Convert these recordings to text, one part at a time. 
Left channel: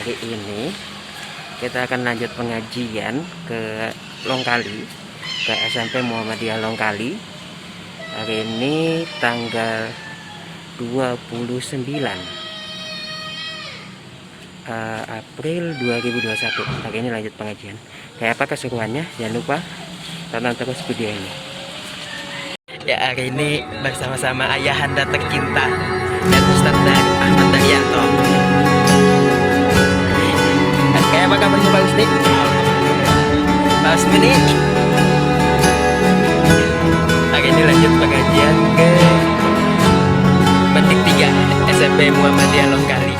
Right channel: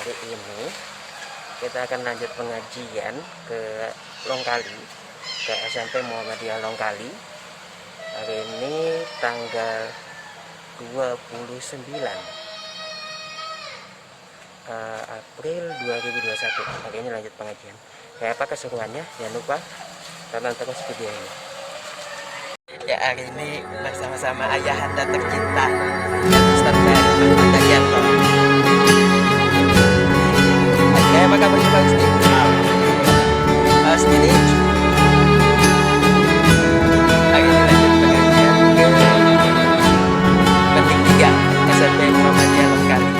Hari ini kita akan lanjut pengajian ke Longkali, ke SMP Muhammadiyah Longkali. Hari ini tanggal 29 April 2021. Hari ini lanjut pengajian. Kayak apa keseruannya? Jangan lupa tonton terus video ini. Ya, hari ini bersama-sama ayahanda tercinta dan Ustaz Ahmad Daryanto. Kayak apa kabarnya Pak Ustaz? Pak Ustaz ini hari ini lanjut pengajian ke Petik 3 SMP Muhammadiyah Longkali.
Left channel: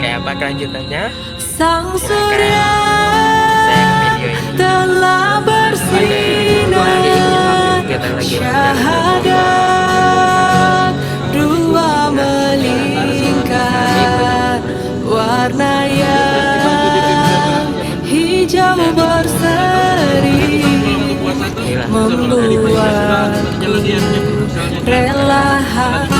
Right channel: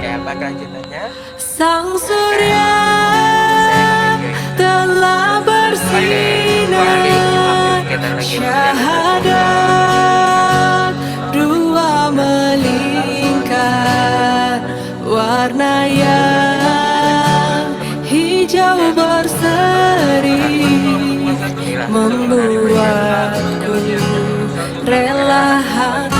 Kayak apa kelanjutannya? Sang surya telah bersinar, syahadat dua melingkar, warna yang hijau berseri membuatku rela hati.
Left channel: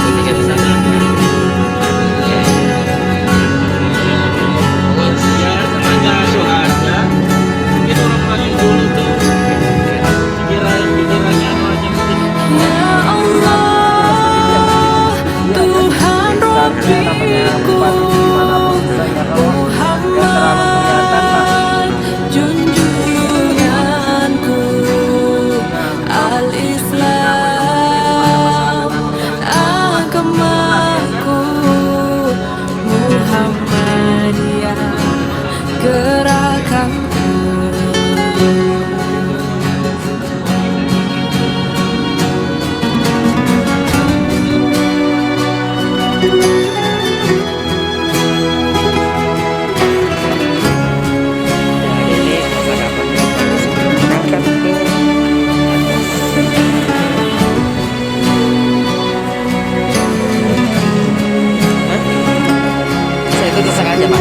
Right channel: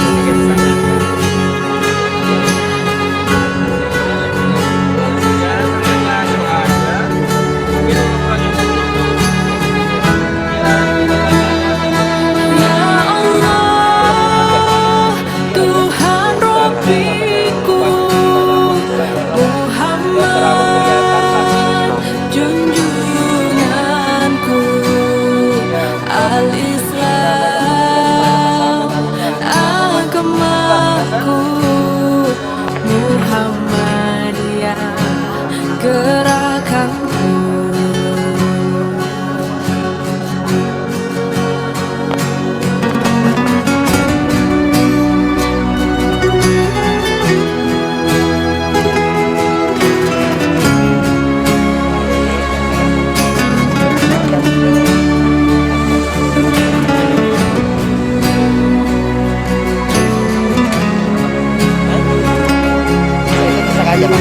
Al-Islam agamaku, Muhammadiyah gerakanku. Aja Pak,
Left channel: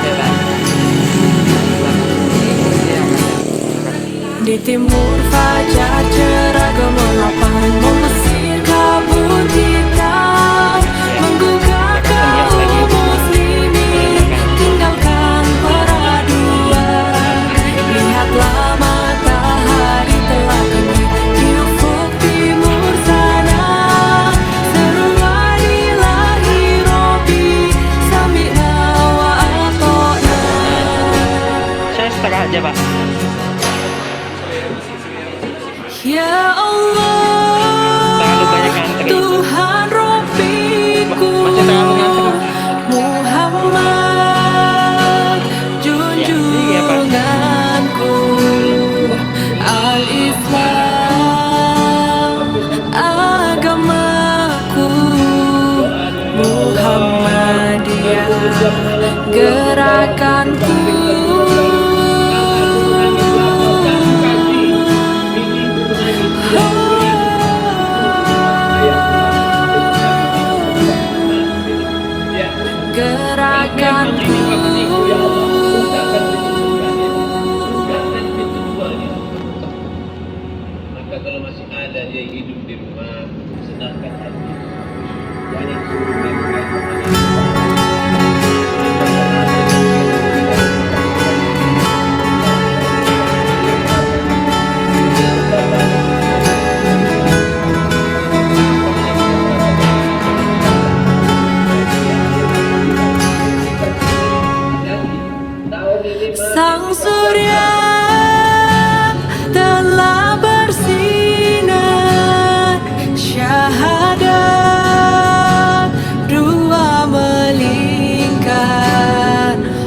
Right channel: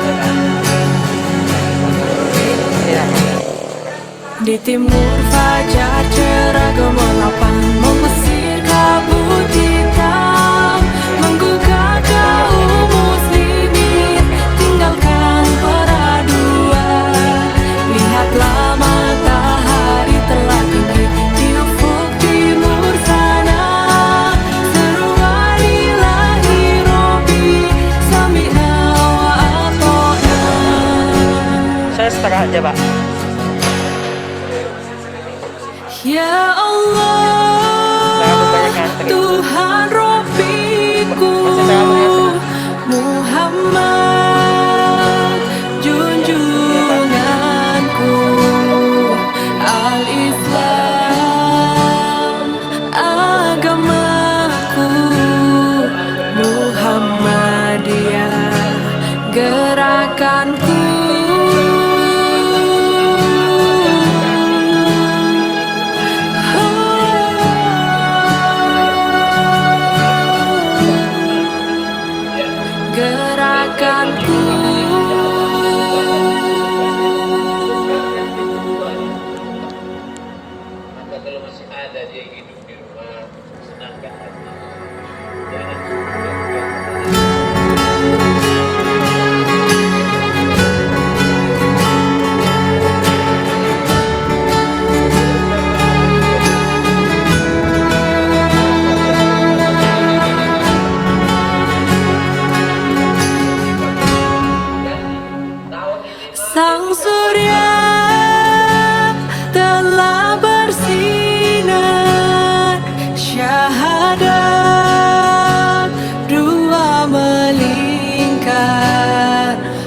ya kan? Di timur fajar cerah gemerlapang mengusir kabut hitam, menggugah kaum muslimin, tinggalkan peraduan. Lihatlah matahari telah terbit di ufuk timur sana. Seruan ilahi Robi, sami'na wa ata'na. Saya setengah aja Pak. Ya Allah, Tuhan Rabbiku, Muhammad junjunganku, Al-Islam agamaku, Muhammadiyah gerakanku. Gerakanku. Maka kalau masih ada dia hidup di rumah, senangkan hati. Jangan suruh Sang surya telah bersinar, syahadat dua melingkar,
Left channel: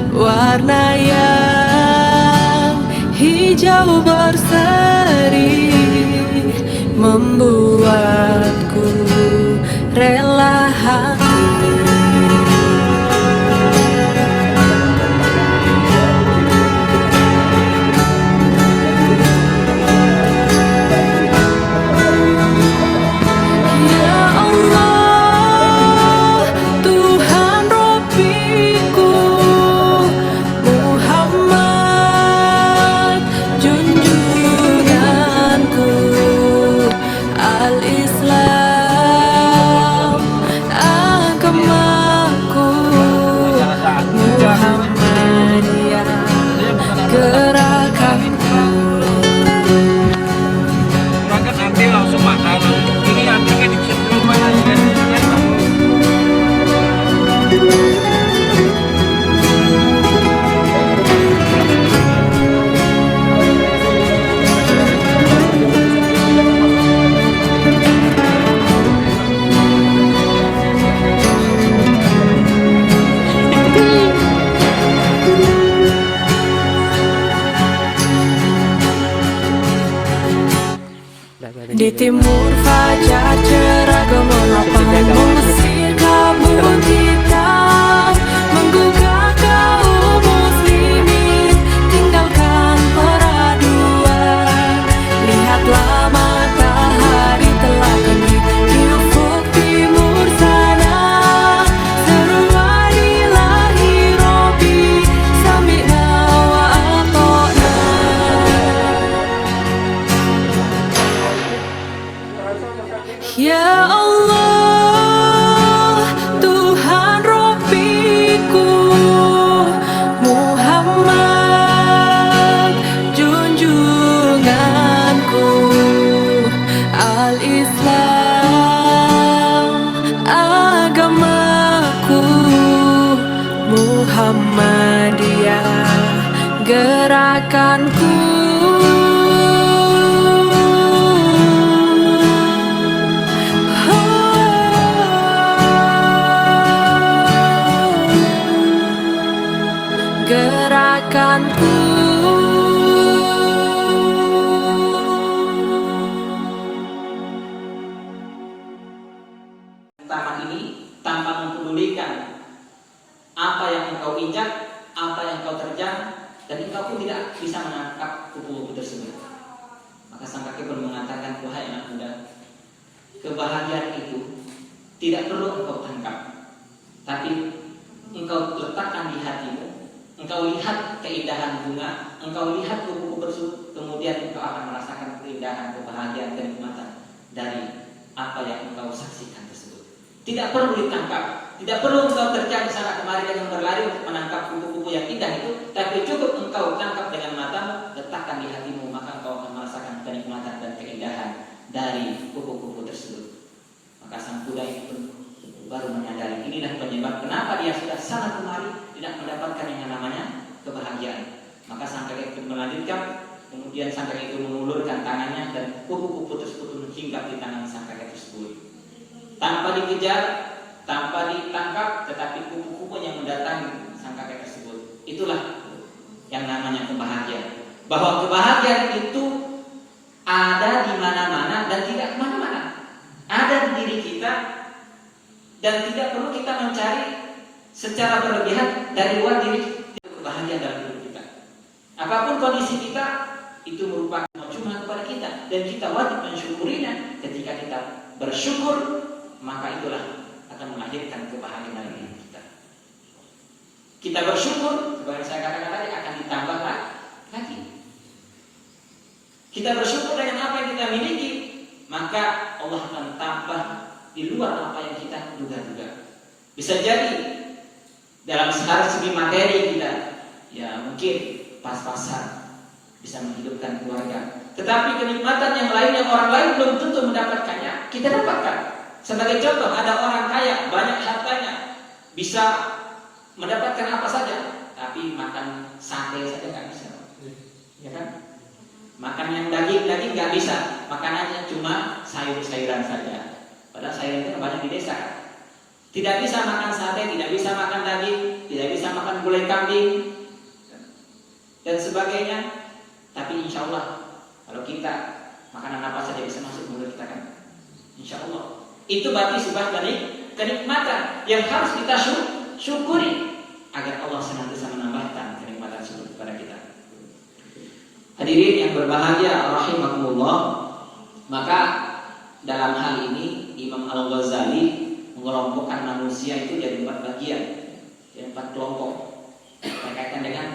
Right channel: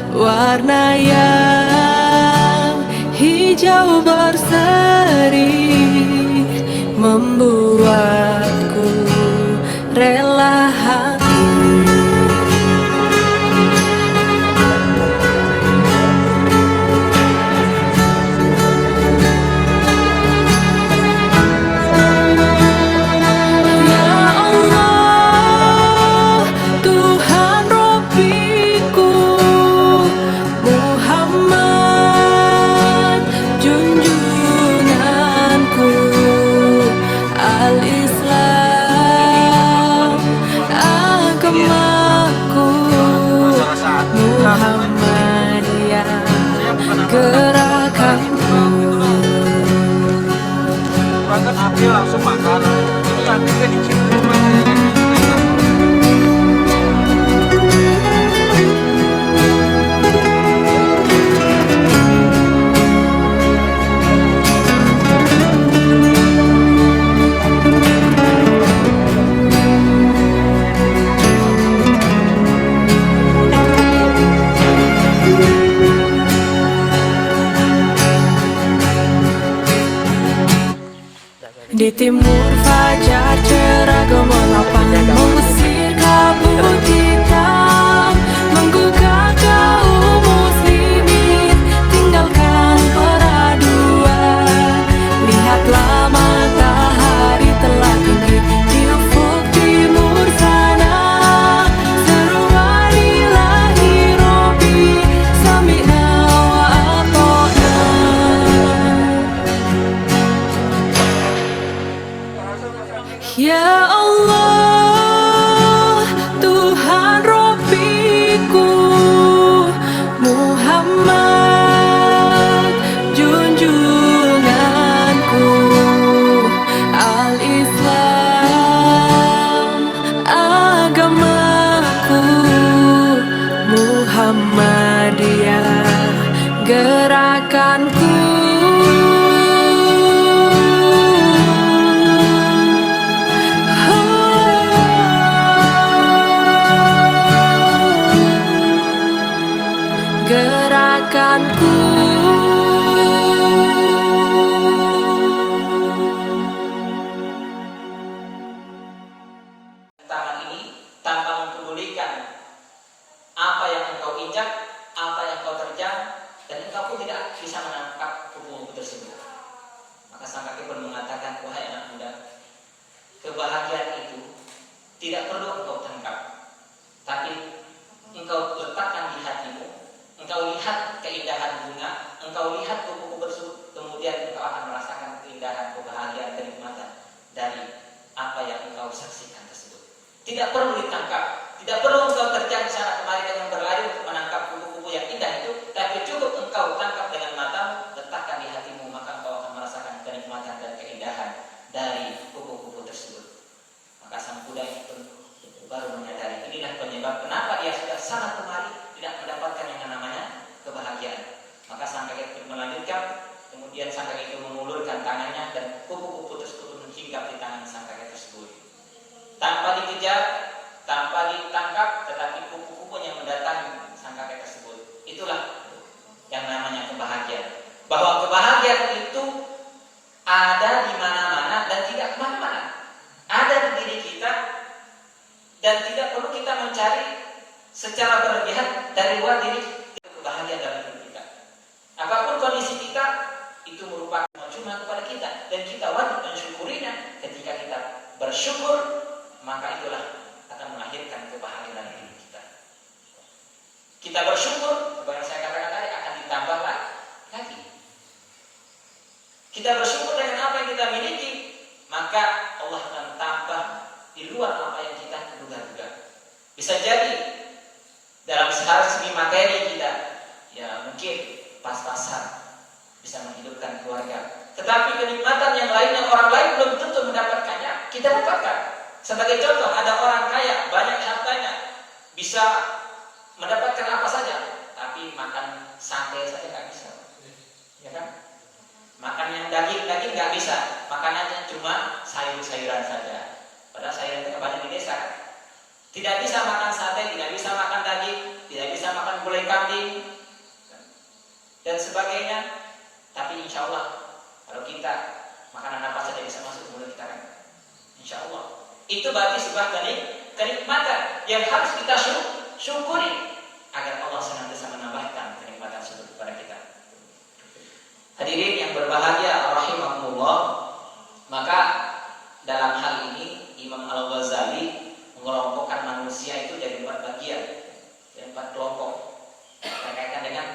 warna yang hijau berseri membuatku rela hati. Al-Islam agamaku, gerakanku. Makan api langsung makan. Ini apinya dicium. Di timur fajar cerah gemerlap mengusir kabut hitam, menggugah kaum muslimin tinggalkan peraduan. Lihatlah matahari telah tinggi di ufuk timur sana. Seruan ilahi Robbi sami'na wa ata'na. Ya Allah, Tuhan Robbiku, Muhammad junjunganku, Al-Islam agamaku, Muhammadiyah gerakanku. Gerakanku. Tangan ini tanpa mempedulikan apa yang engkau injak, apa yang engkau terjang, dan engkau pun tidak bisa menangkap kupu-kupu tersebut. Maka sang kakek pun mengatakan, wahai anak muda, kebahagiaan itu tidak perlu engkau tangkap, tapi engkau letakkan di hatimu. Engkau lihat keindahan bunga, engkau lihat kupu-kupu tersebut, kemudian engkau akan merasakan keindahan, kebahagiaan, dan kenikmatan dari apa yang engkau saksikan tersebut. Tidak perlu ditangkap, tidak perlu engkau terjang sana kemari dan berlari untuk menangkap kupu-kupu yang indah itu, tapi cukup engkau tangkap dengan matamu, letakkan di hatimu, maka engkau akan merasakan kenikmatan dan keindahan dari kupu-kupu tersebut. Maka sang kuda itu baru menyadari inilah penyebab kenapa dia sudah sana kemari tidak mendapatkan yang namanya kebahagiaan. Maka sang kakek itu melanjutkan, kemudian sang kakek itu mengulurkan tangannya dan kupu-kupu tersebut menghinggap di tangan sang kakek tersebut. Tanpa dikejar, tanpa ditangkap, tetapi kupu-kupu yang mendatangi sang kakek tersebut. Itulah yang namanya kebahagiaan. Bahwa kebahagiaan itu ada di mana-mana dan tidak kemana-mana. Ada di diri kita dan tidak perlu kita mencari secara berlebihan dari luar diri. Kebahagiaan dalam diri kita. Apapun kondisi kita, itu merupakan cuma kepada kita dan kita wajib mensyukurinya. Ketika kita bersyukur, maka itulah akan melahirkan kebahagiaan dalam diri kita. Kita bersyukur, seperti yang saya katakan tadi, akan ditambah lagi. Kita bersyukur dengan apa yang kita miliki, maka Allah akan tambah di luar apa yang kita duga-duga. Bisa jadi dalam segi materi kita, ya mungkin pas-pasan bisa menghidupkan keluarga. Tetapi kenikmatan yang lain yang orang lain belum tentu mendapatkannya, kita dapatkan. Sebagai contoh, ada orang kaya, banyak hartanya, bisa mendapatkan apa saja, tapi makan sate saja nggak bisa, ya kan? Makan yang daging nggak bisa, makanannya cuma sayur-sayuran saja. Padahal sayur itu banyak di desa kan? Tidak bisa makan sate, tidak bisa makan daging, tidak bisa makan gulai kambing dan sebagainya. Tapi insya Allah kalau kita makanan apa saja bisa masuk mulut kita kan? Insya Allah itu berarti sebuah kenikmatan yang harus kita syukuri agar Allah senantiasa menambahkan kenikmatan tersebut kepada kita. Hadirin yang berbahagia rahimakumullah, maka dalam hal ini Imam Al-Ghazali mengelompokkan manusia itu jadi 4 bagian, jadi 4 kelompok berkaitan dengan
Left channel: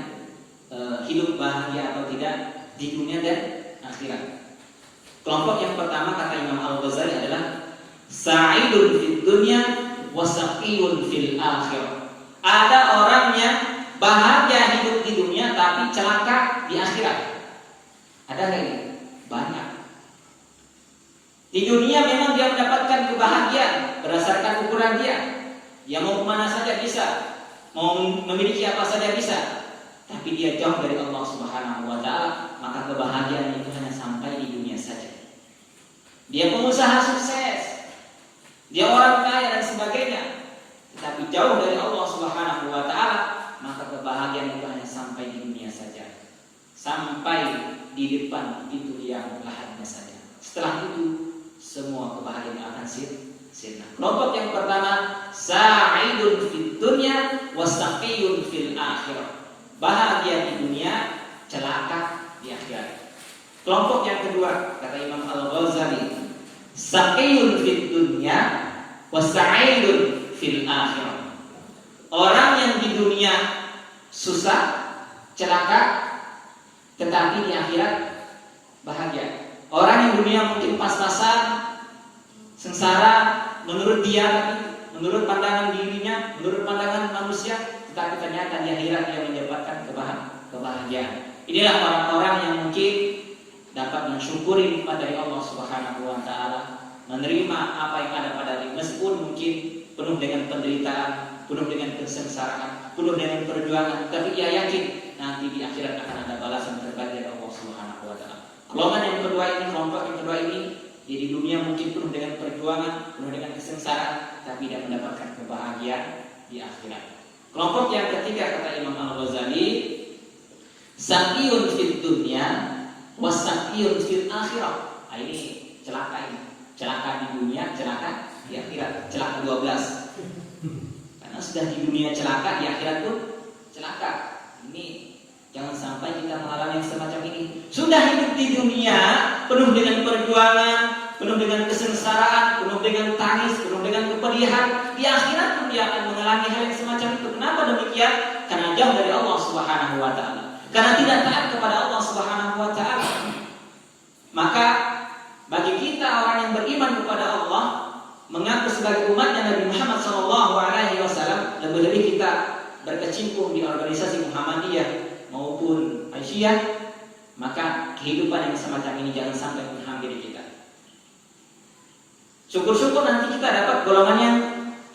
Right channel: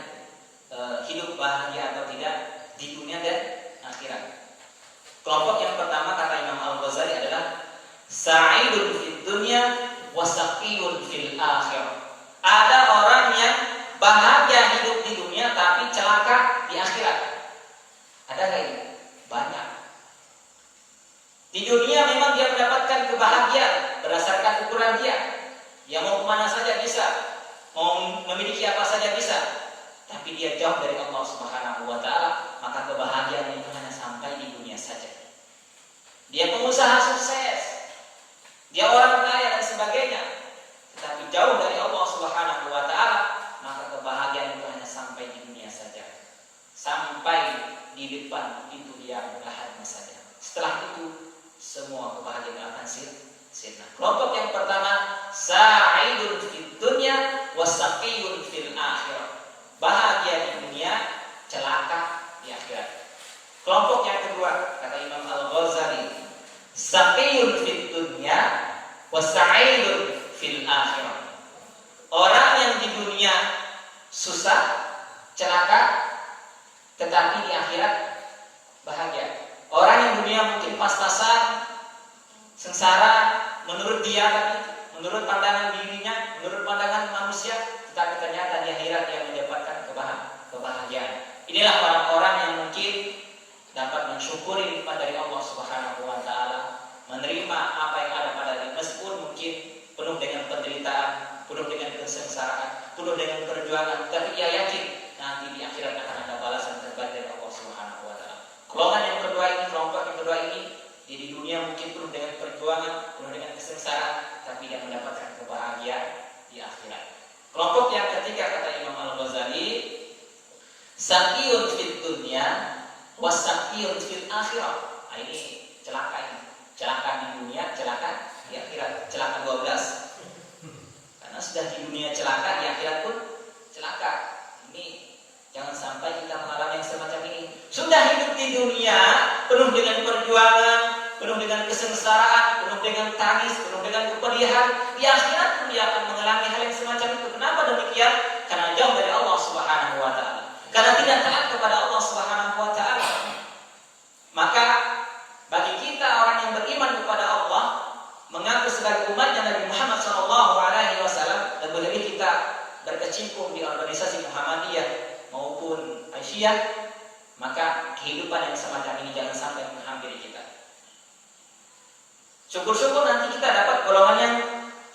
hidup bahagia atau tidak di dunia dan akhirat. Kelompok yang pertama kata Imam Al-Ghazali adalah sa'idun fid dunya wa saqiyun fil akhirah. Ada orang yang bahagia hidup di dunia tapi celaka di akhirat. Ada nggak ini? Banyak. Di dunia memang dia mendapatkan kebahagiaan berdasarkan ukuran dia. Dia mau kemana saja bisa, mau memiliki apa saja bisa. Tapi dia jauh dari Allah Subhanahu wa Ta'ala, maka kebahagiaan itu hanya sampai di dunia saja. Dia pengusaha sukses, dia orang kaya dan sebagainya, tetapi jauh dari Allah Subhanahu wa Ta'ala, maka kebahagiaan itu hanya sampai di dunia saja. Sampai di depan itu dia melihatnya saja. Setelah itu semua kebahagiaan akan sirna. Kelompok yang pertama, sa'idun fid dunya wa saqiyun fil akhirah. Bahagia di dunia, celaka di akhirat. Kelompok yang kedua, kata Imam Al-Ghazali, saqiyun fid dunya wa sa'idun fil akhirah. Orang yang di dunia susah, celaka, tetapi di akhirat bahagia. Orang yang di dunia mungkin pas-pasan, sengsara, menurut dia, menurut pandangan dirinya, menurut pandangan manusia, tetapi ternyata di akhirat dia mendapatkan kebahagiaan. Inilah orang-orang yang mungkin dapat mensyukuri nikmat dari Allah Subhanahu wa Ta'ala, menerima apa yang ada pada diri, meskipun mungkin penuh dengan penderitaan, penuh dengan kesengsaraan, penuh dengan perjuangan, tapi ia yakin nanti di akhirat akan ada balasan terbaik dari Allah Subhanahu wa Ta'ala. Golongan yang kedua ini, kelompok yang kedua ini, di dunia mungkin penuh dengan perjuangan, penuh dengan kesengsaraan, tapi dia mendapatkan kebahagiaan di akhirat. Kelompok yang ketiga, kata Imam Al-Ghazali, saqiyun fid dunya wa saqiyun fil akhirah. Nah, ini celaka ini. Celaka di dunia, celaka di akhirat. Celaka 12. Karena sudah di dunia celaka, di akhirat pun celaka. Ini jangan sampai kita mengalami yang semacam ini. Sudah hidup di dunia penuh dengan perjuangan, penuh dengan kesengsaraan, penuh dengan tangis, penuh dengan kepedihan. Di akhirat pun dia akan mengalami hal yang semacam itu. Kenapa demikian? Karena jauh dari Allah Subhanahu wa Ta'ala. Karena tidak taat kepada Allah Subhanahu wa Ta'ala. Maka bagi kita orang yang beriman kepada Allah, mengaku sebagai umatnya Nabi Muhammad SAW, dan lebih kita berkecimpung di organisasi Muhammadiyah maupun Aisyah, maka kehidupan yang semacam ini jangan sampai menghampiri kita. Syukur-syukur nanti kita dapat golongan yang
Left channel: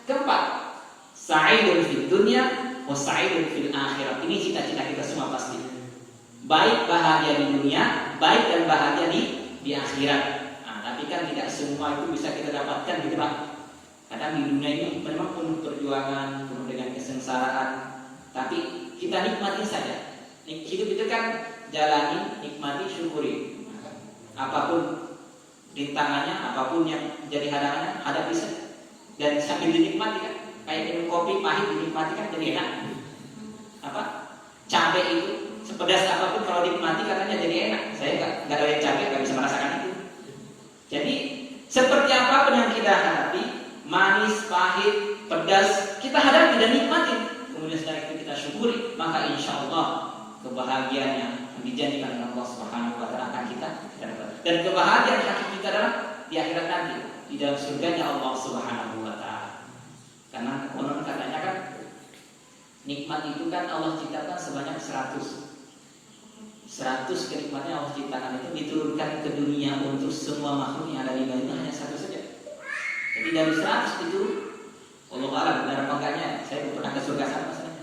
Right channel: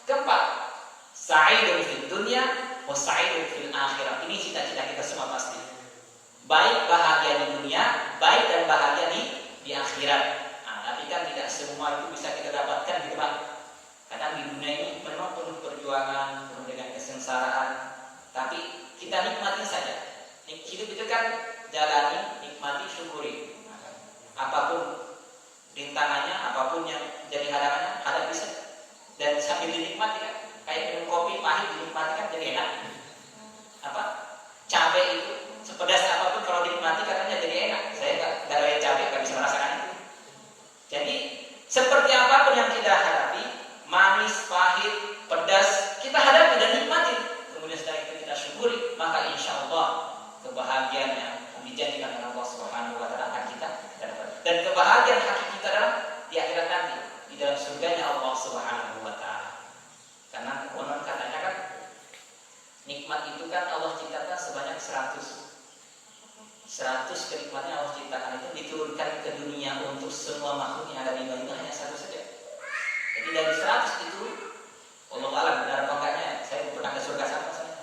keempat, sa'idun fid dunya wa sa'idun fil akhirah. Ini cita-cita kita semua pasti. Baik bahagia di dunia, baik dan bahagia di akhirat. Nah, tapi kan tidak semua itu bisa kita dapatkan di depan. Kadang di dunia ini memang penuh perjuangan, penuh dengan kesengsaraan, tapi kita nikmati saja. Hidup itu kan jalani, nikmati, syukuri. Apapun rintangannya, apapun yang jadi halangannya, hadapi saja. Dan sambil dinikmati kan, kayak minum kopi pahit dinikmati kan jadi enak. Apa? Cabai itu sepedas apapun kalau dinikmati katanya jadi enak. Saya nggak doyan cabai, nggak bisa merasakan itu. Jadi seperti apapun yang kita hadapi, manis, pahit, pedas, kita hadapi dan nikmati. Kemudian setelah itu kita syukuri, maka insya Allah kebahagiaan yang dijanjikan oleh Allah Subhanahu wa Ta'ala akan kita dapat. Dan kebahagiaan hati kita adalah di akhirat nanti, di dalam surganya Allah Subhanahu wa Ta'ala. Karena konon katanya kan nikmat itu kan Allah ciptakan sebanyak 100 kenikmatan Allah ciptakan itu diturunkan ke dunia untuk semua makhluk yang ada di dunia hanya 1 saja. Jadi dari 100 itu Allah alam benar apa enggaknya, saya pernah ke surga sama saja.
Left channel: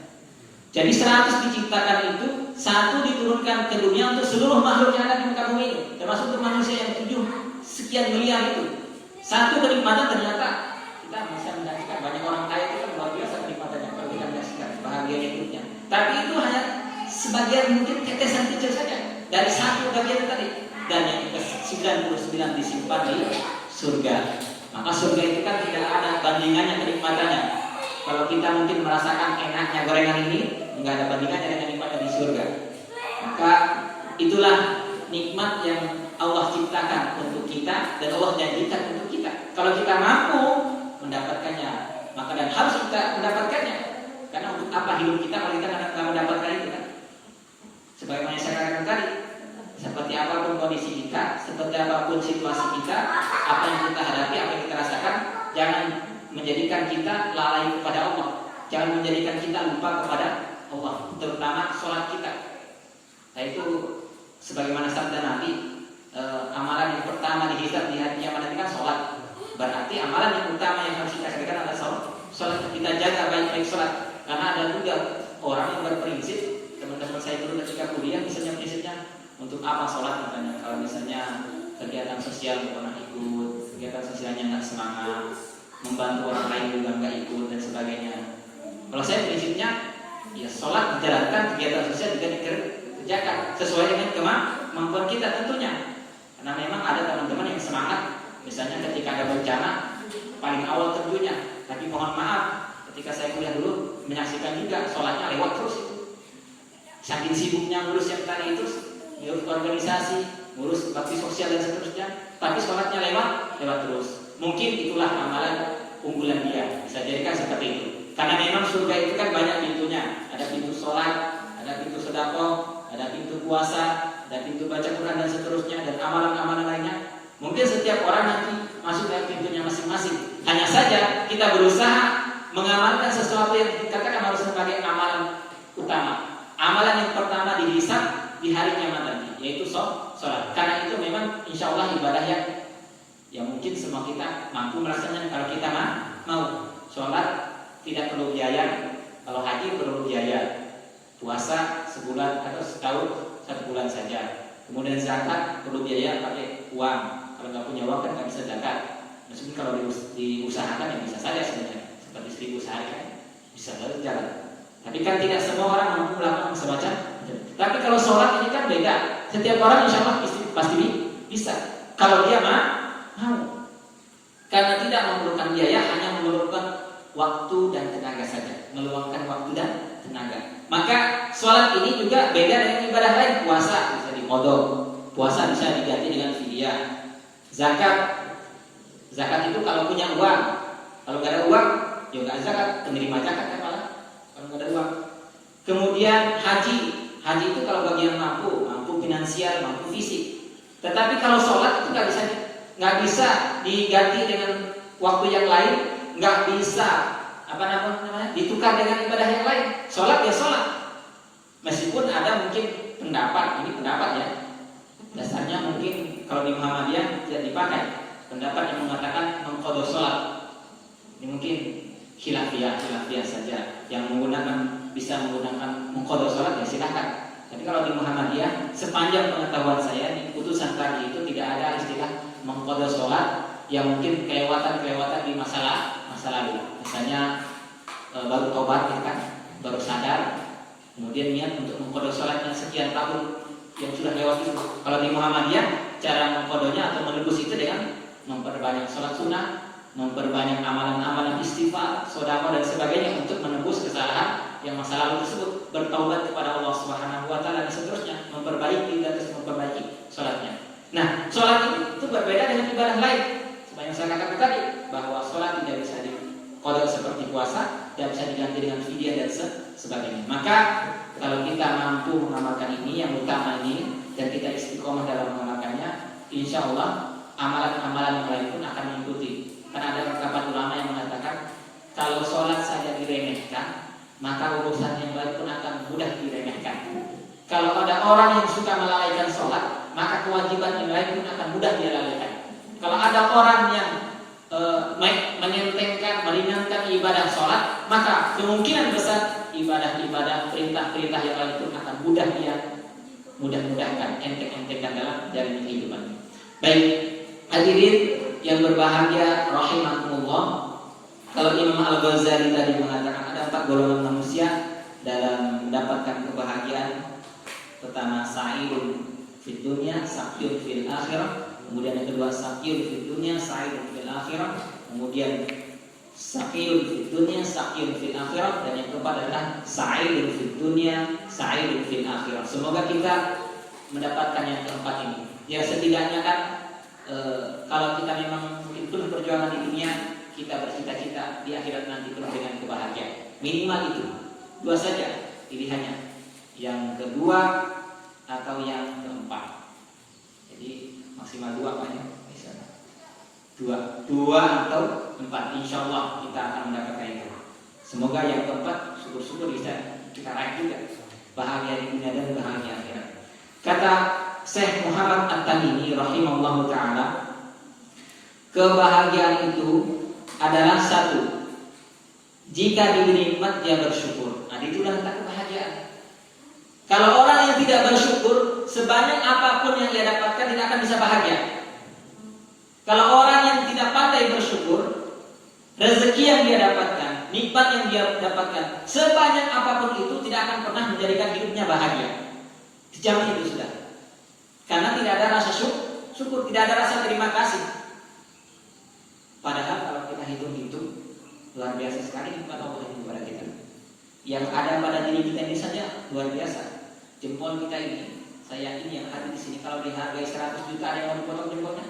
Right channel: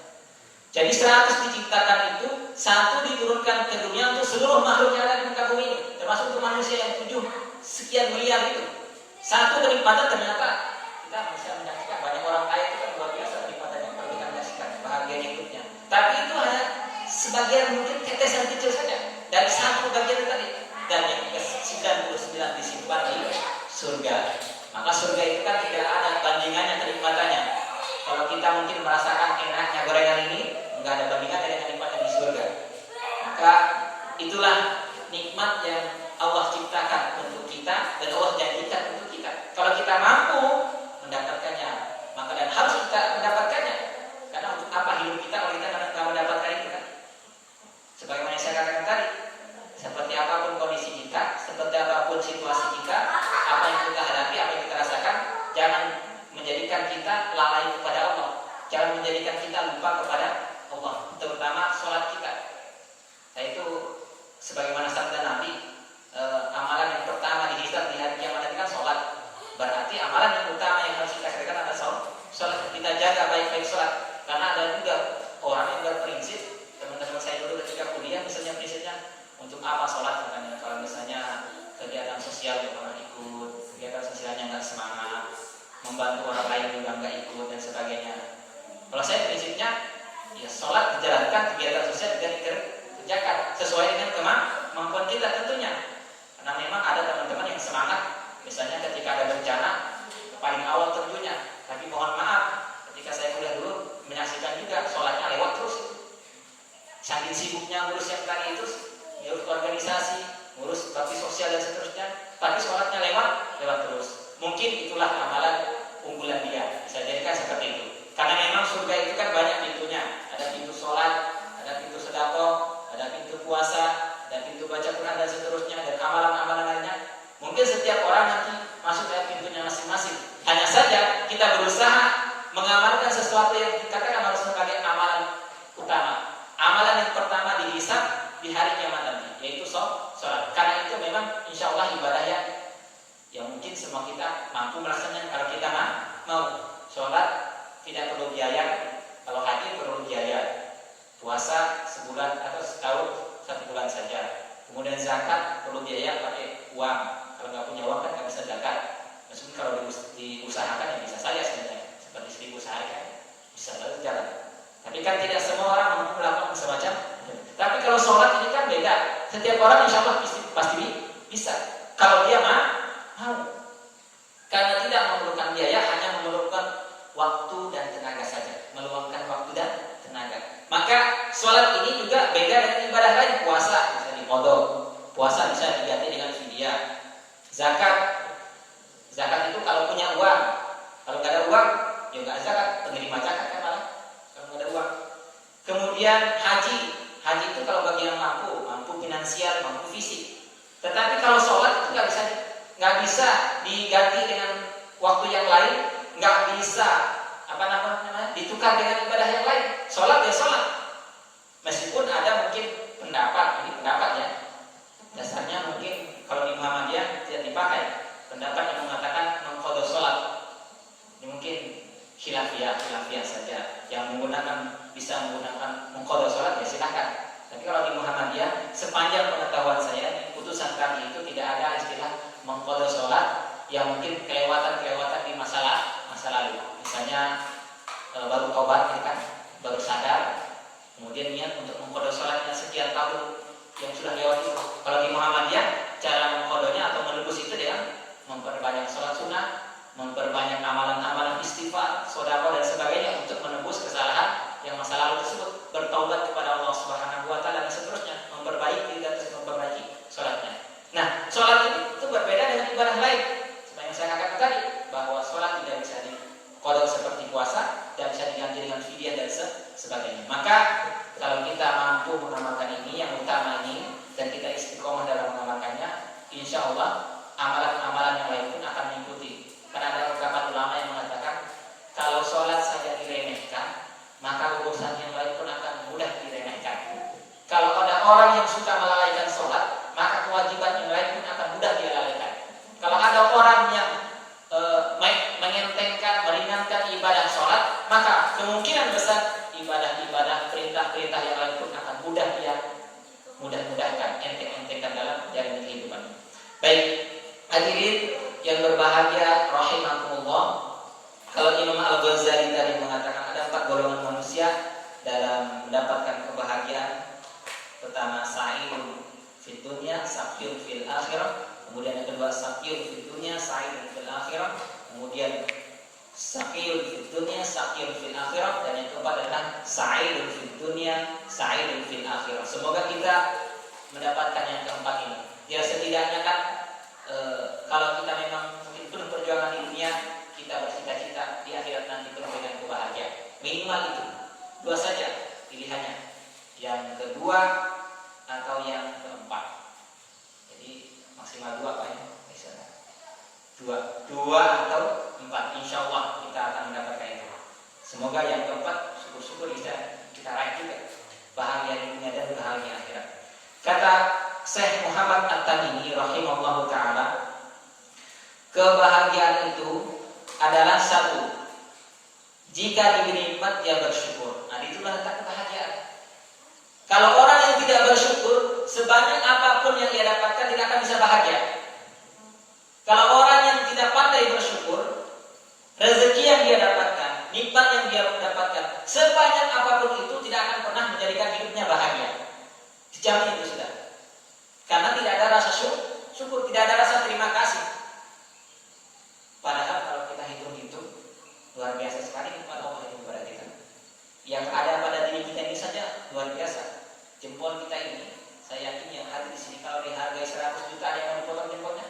Jadi 100 diciptakan itu, 1 diturunkan ke dunia untuk seluruh makhluk yang ada di muka bumi ini, termasuk untuk manusia yang 7 sekian miliar itu. 1 kenikmatan ternyata kita bisa menyaksikan banyak orang kaya itu kan luar biasa kenikmatannya kalau kita menyaksikan bahagia hidupnya. Tapi itu hanya sebagian mungkin tetesan kecil saja dari 1 bagian tadi, dan yang ke-99 disimpan di surga. Maka surga itu kan tidak ada bandingannya kenikmatannya. Kalau kita mungkin merasakan enaknya gorengan ini, nggak ada bandingannya dengan nikmatnya di surga. Maka itulah nikmat yang Allah ciptakan untuk kita dan Allah janjikan untuk kita. Kalau kita mampu mendapatkannya, maka dan harus kita mendapatkannya. Karena untuk apa hidup kita kalau kita nggak mendapatkan itu kan? Sebagaimana saya katakan tadi, seperti apapun kondisi kita, seperti apapun situasi kita, apa yang kita hadapi, apa yang kita rasakan, jangan menjadikan kita lalai kepada Allah. Jangan menjadikan kita lupa kepada Allah, terutama sholat kita. Yaitu sebagaimana sabda Nabi, amalan yang pertama dihisab di hari kiamat itu kan sholat. Berarti amalan yang utama yang harus kita kerjakan adalah sholat. Kita jaga baik-baik sholat. Karena ada juga orang yang berprinsip, teman-teman saya dulu ketika kuliah misalnya prinsipnya untuk apa sholat katanya. Kalau misalnya kegiatan sosial nggak pernah ikut, kegiatan sosialnya nggak semangat, membantu orang lain juga nggak ikut dan sebagainya. Kalau saya prinsipnya, ya sholat dijalankan, kegiatan sosial juga dikerjakan sesuai dengan kemampuan kita tentunya. Karena memang ada teman-teman yang semangat, misalnya ketika ada bencana paling awal tentunya. Tapi mohon maaf, ketika saya kuliah dulu menyaksikan juga sholatnya lewat terus. Saking sibuknya ngurus yang tadi itu, ngurus organisasi, ngurus bakti sosial dan seterusnya, tapi sholatnya lewat terus. Mungkin itulah amalan unggulan dia, bisa jadikan seperti itu. Karena memang surga itu kan banyak pintunya. Ada pintu sholat, ada pintu sedekah, ada pintu puasa, ada pintu baca Quran dan seterusnya, dan amalan-amalan lainnya. Mungkin setiap orang nanti masuk dari pintunya masing-masing. Hanya saja kita berusaha mengamalkan sesuatu yang dikatakan harus sebagai amalan utama. Amalan yang pertama dihisab di hari kiamat nanti, yaitu sholat. Karena itu memang insya Allah ibadah yang mungkin semua kita mampu melaksanakan kalau kita mau. Sholat tidak perlu biaya, kalau haji perlu biaya. Puasa sebulan atau setahun 1 bulan saja. Kemudian zakat perlu biaya pakai uang. Kalau nggak punya uang kan nggak bisa zakat. Maksudnya kalau diusahakan ya bisa saja sebenarnya. Seperti 1.000 sehari kan bisa saja jalan. Tapi kan tidak semua orang mampu melakukan semacam. Tapi kalau sholat ini kan beda. Setiap orang insya Allah pasti bisa. Kalau dia mau. Karena tidak memerlukan biaya, hanya memerlukan waktu dan tenaga saja. Meluangkan waktu dan tenaga. Maka sholat ini juga beda dengan ibadah lain. Puasa bisa diqodho. Puasa bisa diganti dengan fidyah. Zakat itu kalau punya uang. Kalau nggak ada uang, ya nggak zakat. Penerima zakat kan malah kalau nggak ada uang. Kemudian haji itu kalau bagi yang mampu finansial, mampu fisik. Tetapi kalau sholat itu nggak bisa diganti dengan waktu yang lain, nggak bisa ditukar dengan ibadah yang lain. Sholat ya sholat. Meskipun ada mungkin pendapat, ini pendapat ya. Dasarnya mungkin kalau di Muhammadiyah tidak dipakai. Pendapat yang mengatakan mengqadha sholat. Ini mungkin khilafiyah saja. Yang bisa menggunakan mengqadha sholat ya silahkan. Tapi kalau di Muhammadiyah, sepanjang pengetahuan saya di putusan kami itu tidak ada istilah mengqadha sholat yang mungkin kelewatan di masa lalu. Misalnya baru tobat ya kan, baru sadar, kemudian niat untuk mengqadha sholatnya sekian tahun yang sudah lewat itu. Kalau di Muhammadiyah, cara mengqadhanya atau menebus itu dengan memperbanyak sholat sunnah, memperbanyak amalan-amalan istighfar, sedekah dan sebagainya untuk menebus kesalahan yang masa lalu tersebut, bertaubat kepada Allah Subhanahu wa taala dan seterusnya, memperbaiki dan terus memperbaiki sholatnya. Nah, sholat itu berbeda dengan ibadah lain. Seperti yang saya katakan tadi, bahwa sholat tidak bisa diqadha seperti puasa dan bisa diganti dengan fidyah dan sebagainya. Maka kalau kita mampu mengamalkan ini yang utama ini dan kita istiqomah dalam mengamalkannya, insya Allah amalan-amalan yang lain pun akan mengikuti. Karena ada beberapa ulama yang mengatakan kalau sholat saja diremehkan, maka urusan yang lain pun akan mudah diremehkan. Kalau ada orang yang suka melalaikan sholat, maka kewajiban yang lain pun akan mudah dia lalaikan. Kalau ada orang yang mengentengkan, meringankan ibadah sholat, maka kemungkinan besar ibadah-ibadah, perintah-perintah yang lain pun akan mudah dia mudah-mudahkan, enteng-entengkan dalam jalan kehidupan. Baik, hadirin yang berbahagia rahimakumullah. Kalau Imam Al-Ghazali tadi mengatakan ada 4 golongan manusia dalam mendapatkan kebahagiaan. Pertama, sa'idun fid dunya, sa'idun fil akhirah. Kemudian yang kedua, sa'idun fid dunya, sa'idun fil akhirah. Kemudian sa'idun fid dunya, sa'idun fil akhirah. Dan yang keempat adalah sa'idun fid dunya, sa'idun fil akhirah. Semoga kita mendapatkan yang keempat ini. Ya setidaknya kan kalau kita memang mungkin penuh perjuangan di dunia, kita bercita-cita di akhirat nanti penuh dengan kebahagiaan. Minimal itu 2 saja pilihannya. Yang kedua atau yang keempat. Jadi maksimal 2 kan ya? Dua atau 4. Insya Allah kita akan mendapatkan itu. Semoga yang keempat syukur-syukur bisa kita raih juga bahagia di dunia dan bahagia akhirat. Kata Syekh Muhammad At-Tamimi rahimahullahu taala, kebahagiaan itu adalah satu, jika diberi nikmat dia bersyukur. Nah, itulah letak kebahagiaan. Kalau orang yang tidak bersyukur, sebanyak apapun yang dia dapatkan tidak akan bisa bahagia. Kalau orang yang tidak pandai bersyukur, rezeki yang dia dapatkan, nikmat yang dia dapatkan, sebanyak apapun itu tidak akan pernah menjadikan hidupnya bahagia. Dijamin itu sudah. Karena tidak ada rasa syukur, tidak ada rasa terima kasih. Padahal kalau kita hitung-hitung, luar biasa sekali nikmat Allah yang kepada kita. Yang ada pada diri kita ini saja luar biasa. Jempol kita ini, saya yakin yang hadir di sini kalau dihargai 100 juta ada yang mau dipotong jempolnya?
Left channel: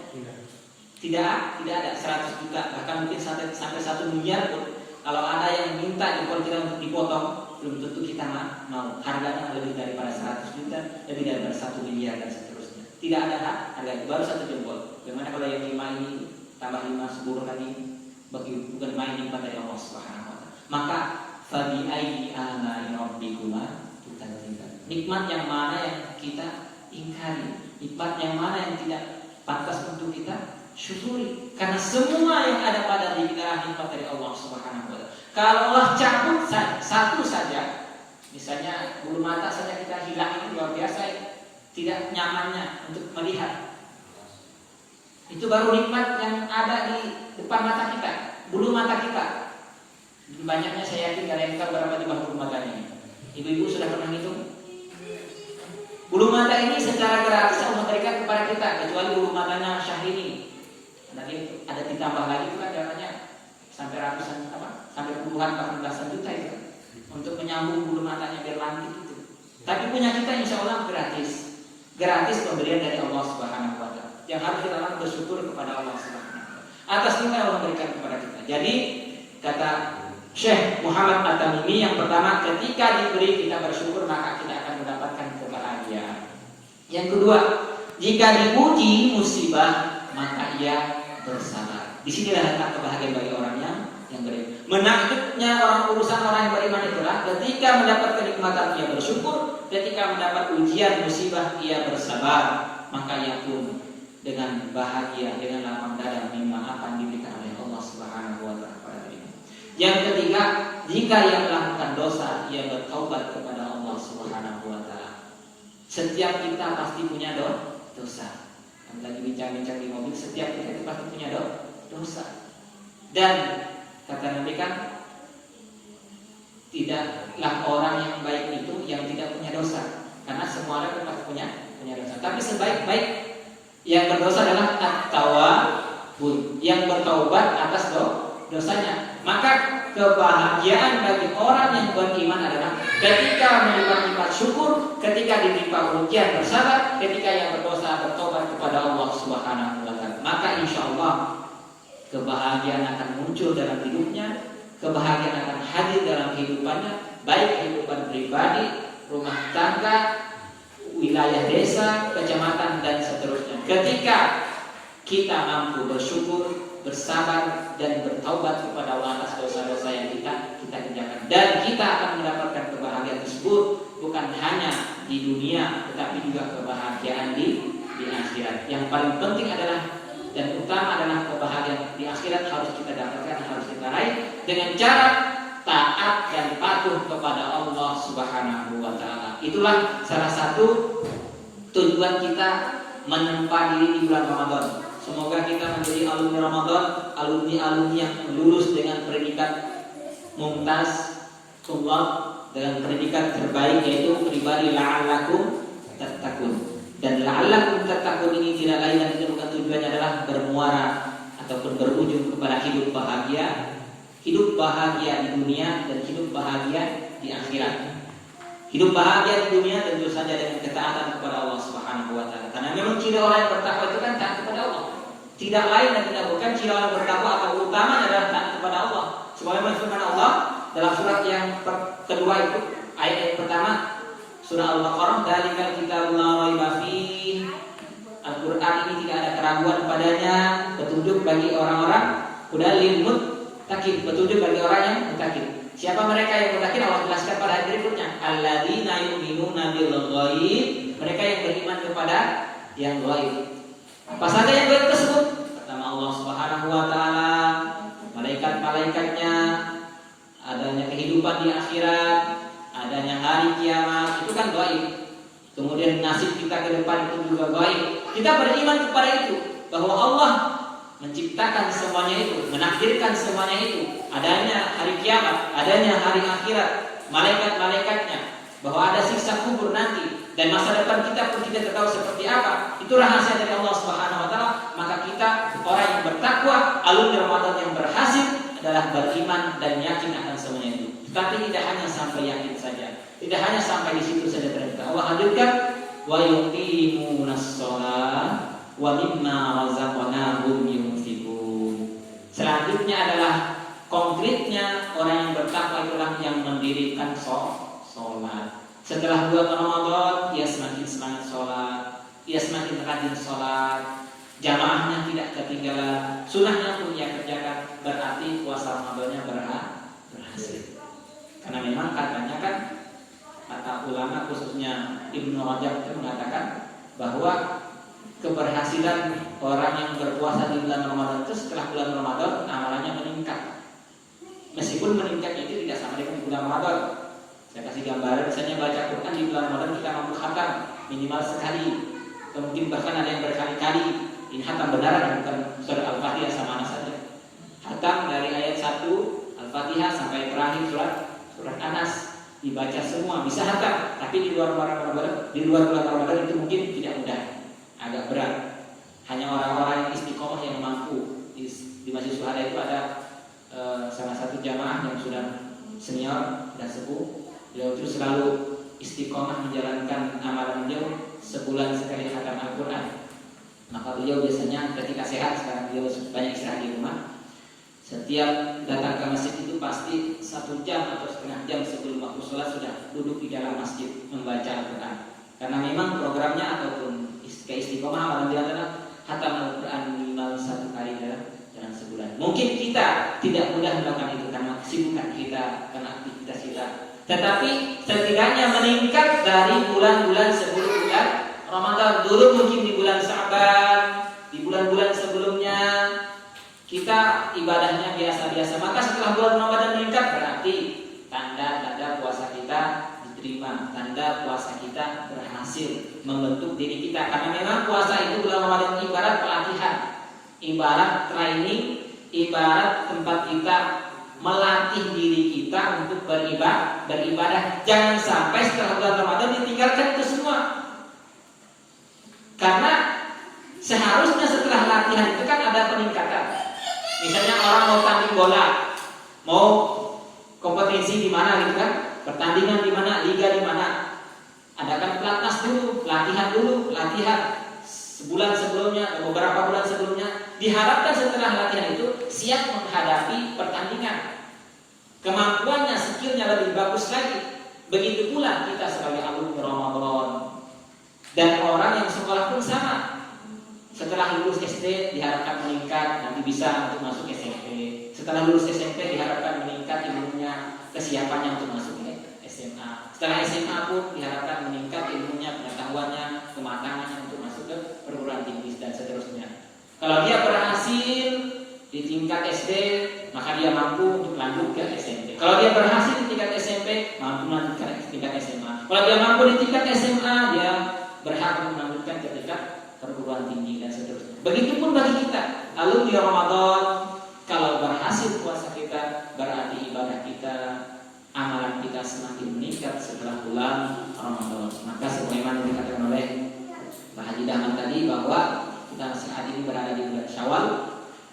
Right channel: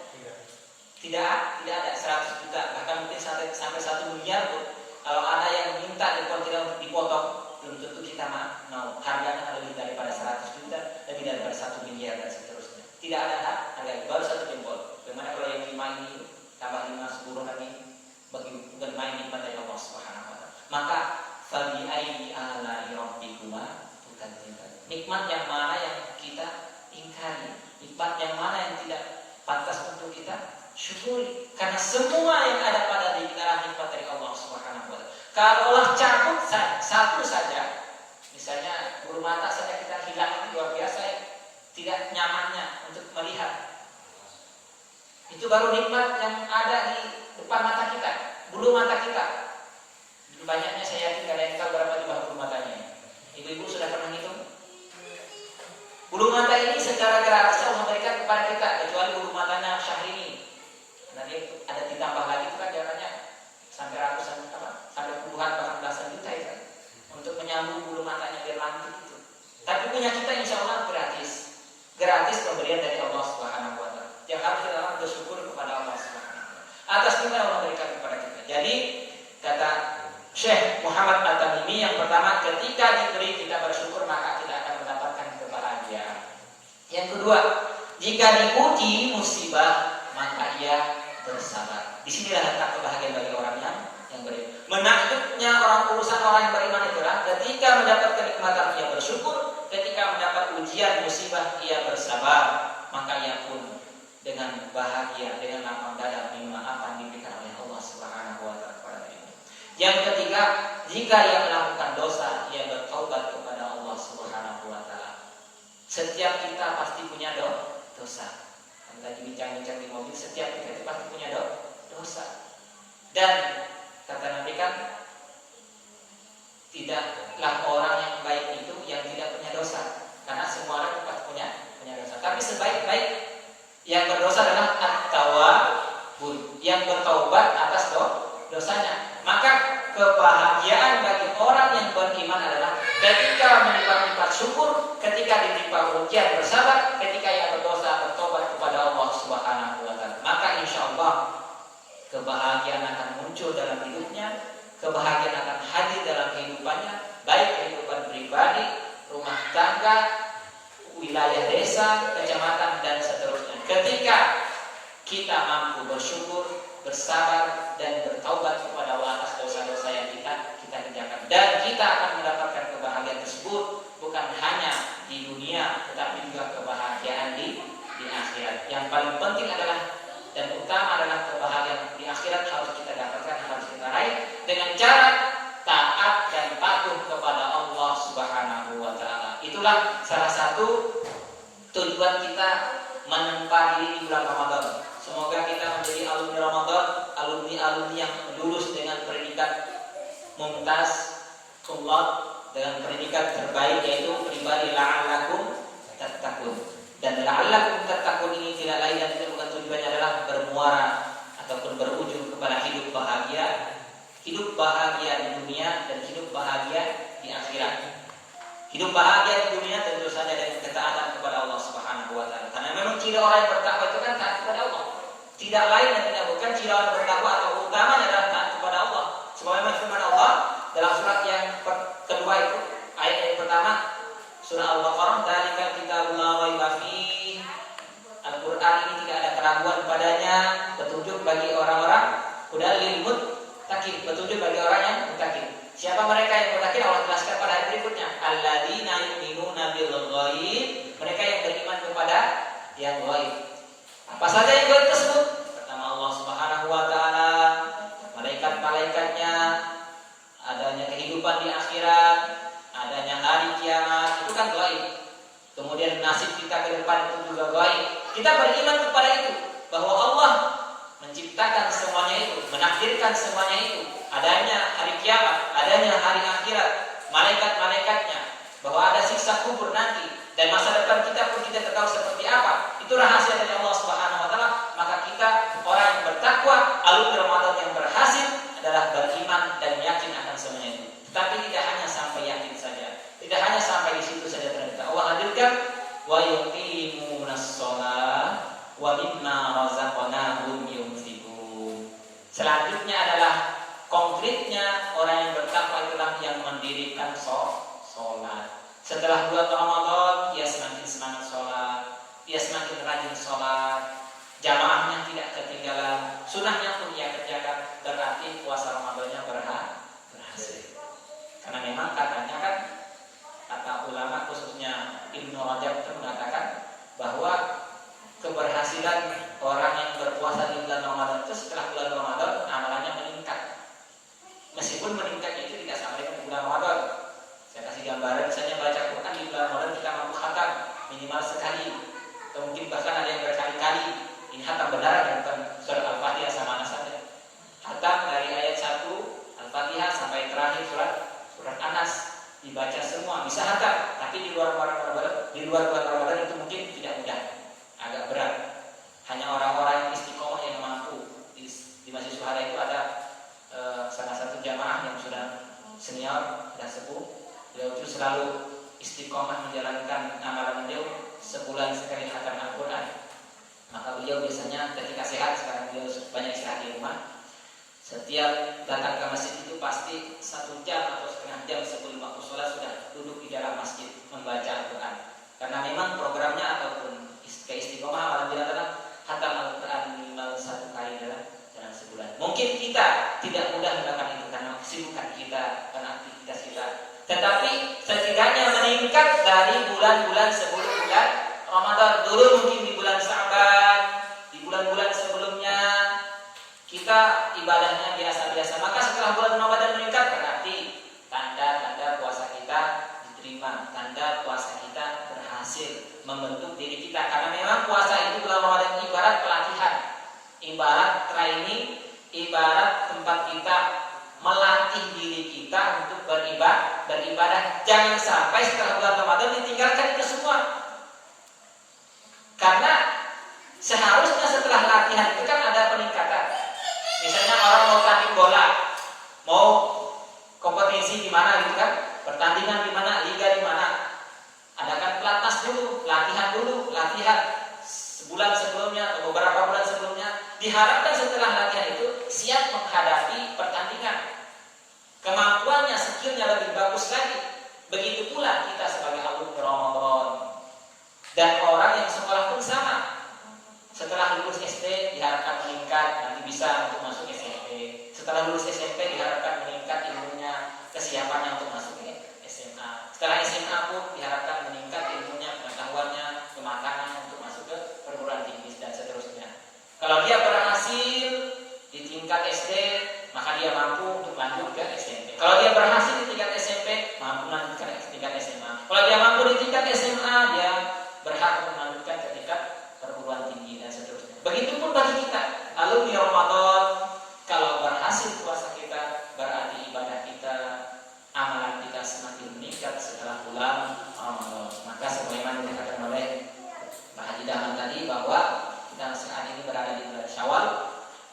Tidak ada 100 juta, bahkan mungkin sampai 1 miliar pun. Kalau ada yang minta jempol kita untuk dipotong, belum tentu kita mau. Harganya lebih daripada 100 juta, lebih daripada 1 miliar dan seterusnya. Tidak ada harga, baru 1 jempol. Bagaimana kalau yang 5 ini tambah 5 10 kali bagi bukan main nikmat dari Allah Subhanahu wa taala. Maka fabi ayyi ala'i rabbikuma tukadziban. Nikmat yang mana yang kita ingkari, nikmat yang mana yang tidak pantas untuk kita syukuri. Karena semua yang ada pada diri kita adalah nikmat dari Allah Subhanahu wa taala. Kalaulah cabut satu saja, misalnya bulu mata saja kita hilang, luar biasa tidak nyamannya untuk melihat. Itu baru nikmat yang ada di depan mata kita, bulu mata kita. Banyaknya saya yakin kalian tahu berapa jumlah bulu matanya. Ibu-ibu sudah pernah hitung? Bulu mata ini secara gratis Allah berikan kepada kita, kecuali bulu matanya Syahrini. Nanti ada ditambah lagi juga katanya sampai ratusan sampai puluhan bahkan belasan juta itu untuk menyambung bulu matanya biar lantik itu. Tapi punya kita insya Allah gratis pemberian dari Allah Subhanahu wa taala. Yang harus kita lakukan bersyukur kepada Allah Subhanahu wa taala atas nikmat yang Allah berikan kepada kita. Jadi kata Syekh Muhammad At-Tamimi, yang pertama, ketika diberi kita bersyukur maka kita akan mendapatkan kebahagiaan. Yang kedua, jika dipuji musibah maka ia bersabar. Disinilah letak kebahagiaan bagi orang yang beriman. Menakutnya urusan orang yang beriman adalah ketika mendapatkan kenikmatan ia bersyukur, ketika mendapat ujian musibah ia bersabar, maka ia pun dengan bahagia, dengan lapang dada menerima apa yang diberikan oleh Allah Subhanahu wa taala kepada dirinya. Yang ketiga, jika ia melakukan dosa, ia bertaubat kepada Allah Subhanahu wa taala. Setiap kita pasti punya dosa. Lagi bincang-bincang di mobil, setiap kita itu pasti punya dosa. Dan kata Nabi kan, tidaklah orang yang baik itu yang tidak punya dosa, karena semua orang tetap punya dosa. Tapi sebaik-baik yang berdosa adalah at-tawwabun, yang bertaubat atas dosanya. Maka kebahagiaan bagi orang yang beriman adalah ketika mendapat syukur, ketika ditimpa ujian bersabar, ketika yang berdosa bertobat kepada Allah Subhanahu wa taala. Maka insyaallah kebahagiaan akan muncul dalam hidupnya, kebahagiaan akan hadir dalam kehidupannya, baik kehidupan pribadi, rumah tangga, wilayah desa, kecamatan dan seterusnya. Ketika kita mampu bersyukur, bersabar dan bertaubat kepada Allah atas dosa-dosa yang kita kerjakan, dan kita akan mendapatkan kebahagiaan tersebut bukan hanya di dunia tetapi juga kebahagiaan di akhirat. Yang paling penting adalah dan utama adalah kebahagiaan di akhirat harus kita dapatkan, harus kita raih dengan cara taat dan patuh kepada Allah Subhanahu wa taala. Itulah salah satu tujuan kita menempa diri di bulan Ramadan. Semoga kita menjadi alumni Ramadan, alumni yang lulus dengan predikat mumtaz, kumlot, dengan predikat terbaik yaitu pribadi la'allakum tattaqun. Dan la'allakum tattaqun ini tidak lain dan tidak bukan tujuannya adalah bermuara ataupun berujung kepada hidup bahagia di dunia dan hidup bahagia di akhirat. Hidup bahagia di dunia tentu saja dengan ketaatan kepada Allah Subhanahu wa taala. Karena memang ciri orang yang bertakwa itu kan taat kepada Allah. Tidak lain dan tidak bukan ciri orang yang bertakwa atau utama adalah taat kepada Allah. Sebagaimana firman Allah dalam surat yang kedua itu, ayat yang pertama surah Al-Baqarah, "Dzalikal kitabul la raiba fihi." Al-Qur'an ini tidak ada keraguan padanya, petunjuk bagi orang-orang hudal lil muttaqin, petunjuk bagi orang yang muttaqin. Siapa mereka yang berakhir? Allah jelaskan pada ayat berikutnya. Alladzina yu'minuna bil ghaib. Mereka yang beriman kepada yang ghaib. Apa saja yang ghaib tersebut? Pertama, Allah Subhanahu wa taala, malaikat-malaikatnya, adanya kehidupan di akhirat, adanya hari kiamat, itu kan ghaib. Kemudian nasib kita ke depan itu juga ghaib. Kita beriman kepada itu, bahwa Allah menciptakan semuanya itu, menakdirkan semuanya itu, adanya hari kiamat, adanya hari akhirat, malaikat-malaikatnya, bahwa ada siksa kubur nanti, dan masa depan kita pun tidak tahu seperti apa. Itu rahasia dari Allah Subhanahu wa taala. Maka kita orang yang bertakwa, alumni Ramadan yang berhasil adalah beriman dan yakin akan semuanya itu. Tapi tidak hanya sampai yakin saja, tidak hanya sampai di situ saja ternyata. Allah hadirkan wa yuqimunas shalah wa mimma razaqnahum yunfiqun. Selanjutnya adalah konkretnya orang yang bertakwa itulah yang mendirikan sholat. Setelah bulan Ramadan, dia semakin semangat sholat, dia semakin rajin sholat, jamaahnya tidak ketinggalan, sunnahnya pun dia kerjakan. Berarti puasa Ramadannya berhasil. Karena memang katanya kan, kata ulama khususnya Ibnu Rajab itu mengatakan bahwa keberhasilan orang yang berpuasa di bulan Ramadan itu setelah bulan Ramadan amalannya meningkat. Meskipun meningkat itu tidak sama dengan bulan Ramadan. Saya kasih gambaran, misalnya baca Quran di bulan Ramadan kita mampu khatam minimal sekali, atau mungkin bahkan ada yang berkali-kali. Ini khatam benaran, bukan surah Al-Fatihah sama saja. Khatam dari ayat 1 Al-Fatihah sampai terakhir surat Anas dibaca semua, bisa khatam. Tapi di luar bulan Ramadan itu mungkin tidak mudah, agak berat. Hanya orang-orang yang istiqomah yang mampu. Di Masjid Syuhada itu ada salah satu jamaah yang sudah senior dan sepuh. Beliau itu selalu istiqomah menjalankan amalan beliau sebulan sekali khatam Al-Quran. Maka beliau biasanya ketika sehat, sekarang beliau banyak istirahat di rumah, setiap datang ke masjid itu pasti 1 jam atau setengah jam sebelum waktu sholat sudah duduk di dalam masjid membaca Al-Quran. Karena memang programnya ataupun keistiqomah amalan dia adalah khatam Al-Quran minimal 1 kali dalam sebulan. Mungkin kita tidak mudah melakukan itu karena kesibukan kita, karena aktivitas kita. Tetapi setidaknya meningkat dari bulan-bulan sebelum bulan Ramadan. Dulu mungkin di bulan Sa'ban, di bulan-bulan sebelumnya kita ibadahnya biasa-biasa. Maka setelah bulan Ramadan meningkat, berarti tanda-tanda puasa kita diterima, tanda puasa kita berhasil membentuk diri kita. Karena memang puasa itu bulan Ramadan ibarat pelatihan, ibarat training, ibarat tempat kita melatih diri kita untuk beribadah. Jangan sampai setelah bulan Ramadan ditinggalkan itu semua. Karena seharusnya setelah latihan itu kan ada peningkatan. Misalnya orang mau tanding bola, mau kompetisi di mana gitu kan, pertandingan di mana, liga di mana, adakan pelatnas dulu, latihan sebulan sebelumnya atau beberapa bulan sebelumnya. Diharapkan setelah latihan itu siap menghadapi pertandingan. Kemampuannya, skillnya lebih bagus lagi. Begitu pula kita sebagai alumni Ramadan. Dan orang yang sekolah pun sama. Setelah lulus SD diharapkan meningkat, nanti bisa untuk masuk SMP. Setelah lulus SMP diharapkan meningkat ilmunya, kesiapannya untuk masuk SMA. Setelah SMA pun diharapkan meningkat ilmunya, pengetahuannya, kematangannya untuk masuk ke perguruan tinggi dan seterusnya. Kalau dia berhasil di tingkat SD, maka dia mampu untuk lanjut ke SMP. Kalau dia berhasil di tingkat SMP, mampu lanjut ke tingkat SMA. Kalau dia mampu di tingkat SMA, dia berhak untuk melanjutkan ke tingkat perguruan tinggi dan seterusnya. Begitupun bagi kita, alumni Ramadan, kalau berhasil puasa kita, berarti ibadah kita, amalan kita semakin meningkat setelah bulan Ramadan. Maka sebagaimana dikatakan oleh Pak Haji Dahman tadi bahwa kita saat ini berada di bulan Syawal.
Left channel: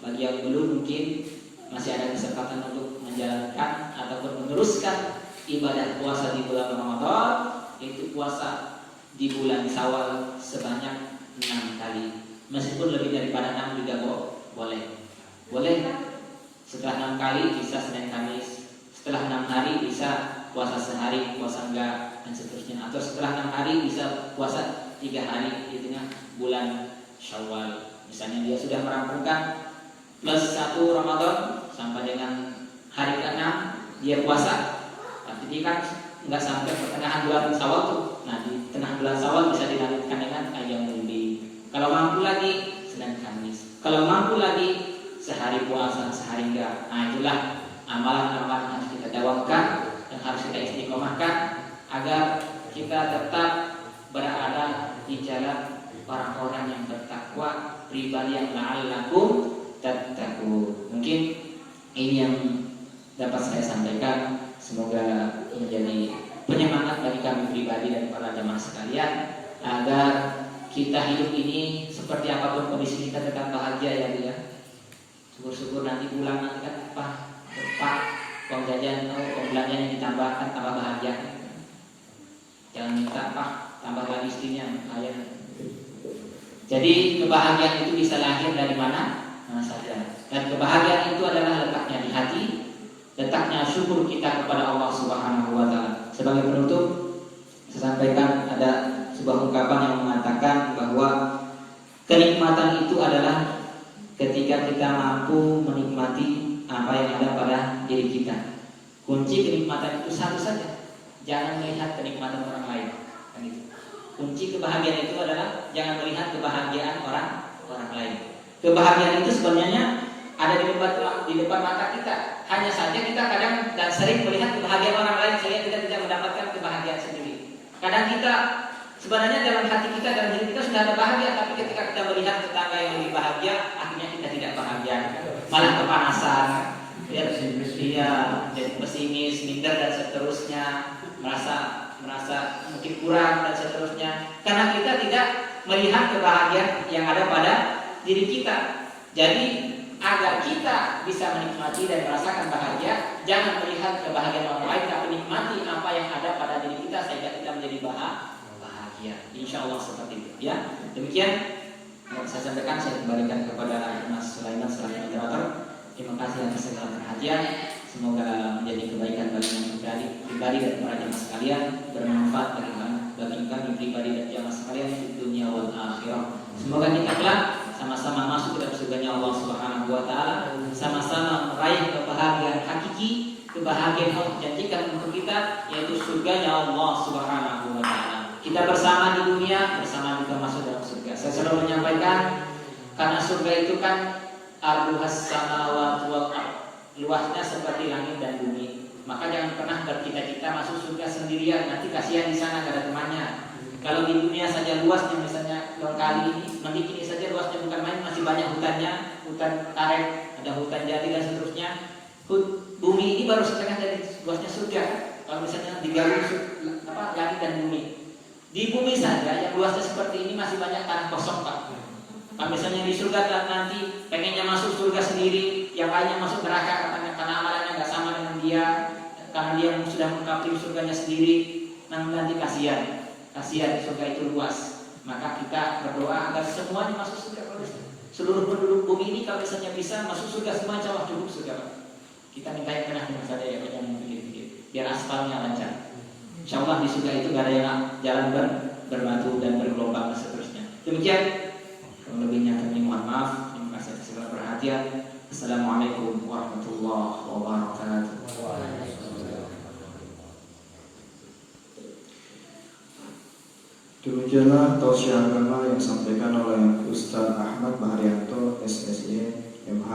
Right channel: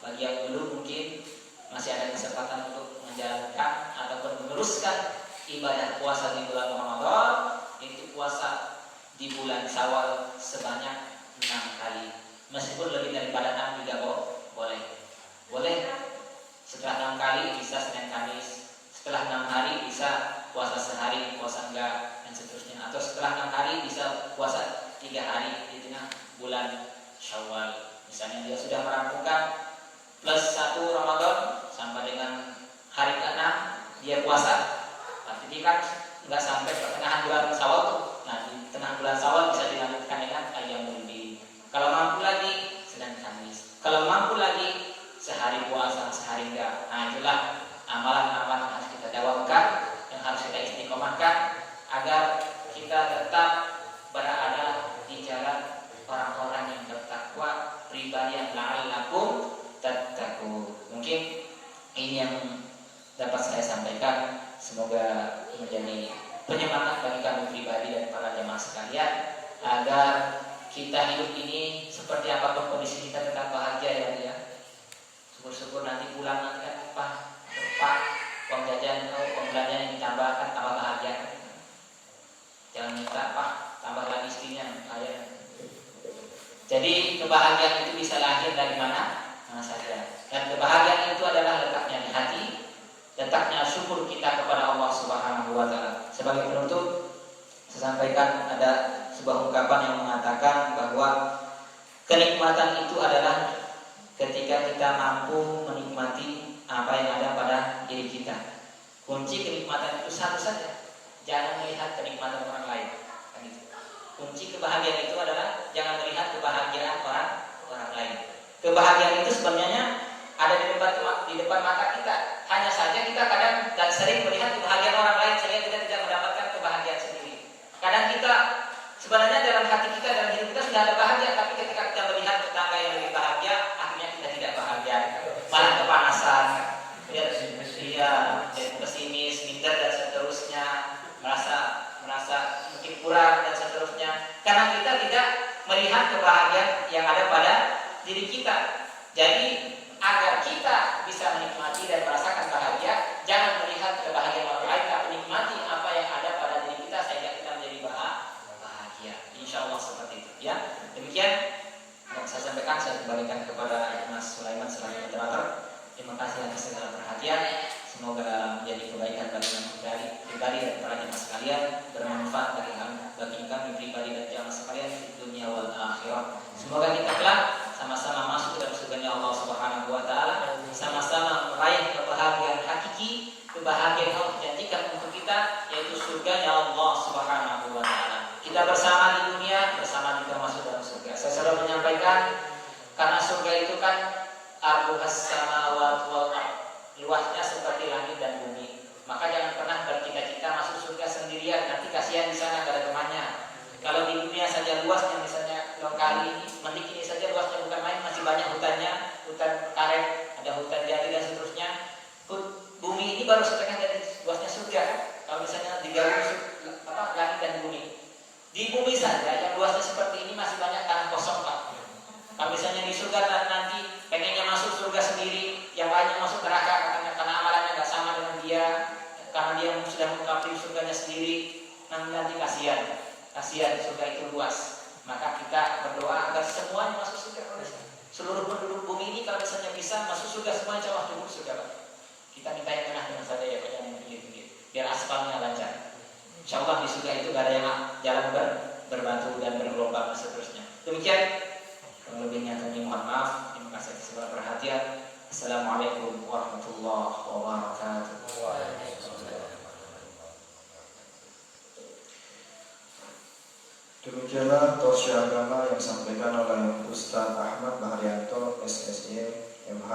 Bagi yang belum mungkin masih ada kesempatan untuk menjalankan ataupun meneruskan ibadah puasa di bulan Ramadan, yaitu puasa di bulan Syawal sebanyak 6 kali. Meskipun lebih daripada 6 juga boleh. Setelah 6 kali bisa Senin Kamis. Setelah 6 hari bisa puasa sehari, puasa enggak, dan seterusnya. Atau setelah 6 hari bisa puasa 3 hari, itunya bulan Syawal. Misalnya dia sudah merampungkan plus 1 Ramadan sampai dengan hari ke-6, dia puasa, tapi dia kan nggak sampai pertengahan bulan Syawal tuh. Nah di tengah bulan Syawal bisa dilanjutkan dengan ayyamul bid. Kalau mampu lagi Senin Kamis. Kalau mampu lagi sehari puasa, sehari enggak. Nah itulah amalan-amalan yang harus kita dawamkan, yang harus kita istiqomahkan agar kita tetap berada di jalan orang-orang yang bertakwa, ribarian la'allakum tattaqun. Mungkin ini yang dapat saya sampaikan. Semoga menjadi penyemangat bagi kami pribadi dan para jamaah sekalian agar kita hidup ini seperti apapun kondisi kita tetap bahagia ya Bu ya. Syukur-syukur nanti pulang nanti kan Pak uang jajan atau uang belanja yang ditambahkan tambah bahagia. Jangan minta tambah lagi istrinya kaya. Jadi kebahagiaan itu bisa lahir dari mana saja. Dan kebahagiaan itu adalah letaknya di hati, letaknya syukur kita kepada Allah Subhanahu wa taala. Sebagai penutup, saya sampaikan ada sebuah ungkapan yang mengatakan bahwa kenikmatan itu adalah ketika kita mampu menikmati apa yang ada pada diri kita. Kunci kenikmatan itu satu saja, jangan melihat kenikmatan orang lain. Kan gitu. Kunci kebahagiaan itu adalah jangan melihat kebahagiaan orang lain. Kebahagiaan itu sebenarnya ada di depan mata kita. Hanya saja kita kadang dan sering melihat kebahagiaan orang lain sehingga kita tidak mendapatkan kebahagiaan sendiri. Kadang kita sebenarnya dalam hati kita, dalam diri kita sudah ada bahagia, tapi ketika kita melihat tetangga yang lebih bahagia, akhirnya kita tidak bahagia, malah kepanasan, jadi pesimis, minder dan seterusnya, merasa mungkin kurang dan seterusnya, karena kita tidak melihat kebahagiaan yang ada pada diri kita. Jadi agar kita bisa menikmati dan merasakan bahagia, jangan melihat kebahagiaan orang lain, tapi nikmati apa yang ada pada diri kita sehingga kita menjadi bahagia. Insya Allah seperti itu. Ya, demikian yang saya sampaikan. Saya kembalikan kepada Mas Sulaiman selaku moderator. Terima kasih atas segala perhatian. Semoga menjadi kebaikan bagi kami pribadi dan para jamaah sekalian, bermanfaat bagi kami pribadi dan jamaah sekalian di dunia wal akhirah. Semoga kita kelak sama-sama masuk dalam surganya Allah Subhanahu wa taala, sama-sama meraih kebahagiaan hakiki, kebahagiaan Allah janjikan untuk kita, yaitu surganya Allah Subhanahu wa taala. Kita bersama di dunia, bersama kita masuk dalam surga. Saya selalu menyampaikan, karena surga itu kan arduhas samawati wal ardh, luasnya seperti langit dan bumi. Maka jangan pernah bercita-cita masuk surga sendirian, nanti kasihan di sana gak ada temannya. Kalau di dunia saja luasnya, misalnya lokali ini, mending ini saja luasnya bukan main, masih banyak hutannya, hutan karet, ada hutan jati dan seterusnya. Bumi ini baru setengah dari luasnya surga. Kalau misalnya digabung langit dan bumi, di bumi saja yang luasnya seperti ini masih banyak tanah kosong Pak. Kalau misalnya di surga nanti pengennya masuk surga sendiri, yang lainnya masuk neraka katanya karena amalannya nggak sama dengan dia, karena dia sudah mengungkapi surganya sendiri, nanti kasihan di surga itu luas. Maka kita berdoa agar semuanya masuk surga. Seluruh penduduk bumi ini kalau misalnya bisa masuk surga semua, insya Allah cukup surga Pak. Kita minta yang enak dengan saja ya Pak, yang mungkin biar aspalnya lancar. Insya Allah di surga itu nggak ada yang jalan berbatu dan bergelombang dan seterusnya. Demikian. Kalau lebihnya kami mohon maaf. Terima kasih atas segala perhatian. Assalamualaikum warahmatullahi wabarakatuh. Demikianlah tausiah agama yang disampaikan oleh Ustaz Ahmad Bahrianto SSY MH.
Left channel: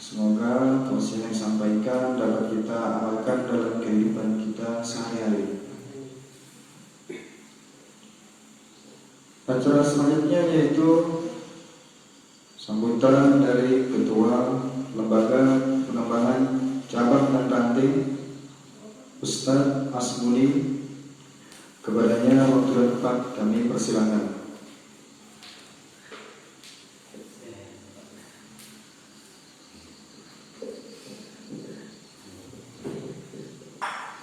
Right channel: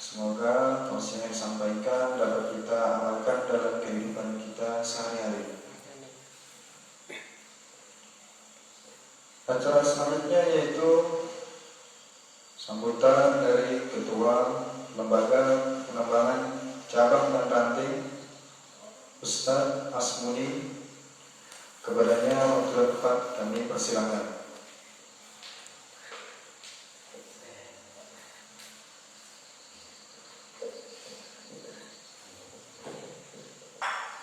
Semoga tausiah yang disampaikan dapat kita amalkan dalam kehidupan kita sehari-hari. Acara selanjutnya yaitu sambutan dari Ketua Lembaga Pengembangan Cabang dan Ranting Ustadz Asmuni. Kepadanya waktu dan tempat kami persilakan.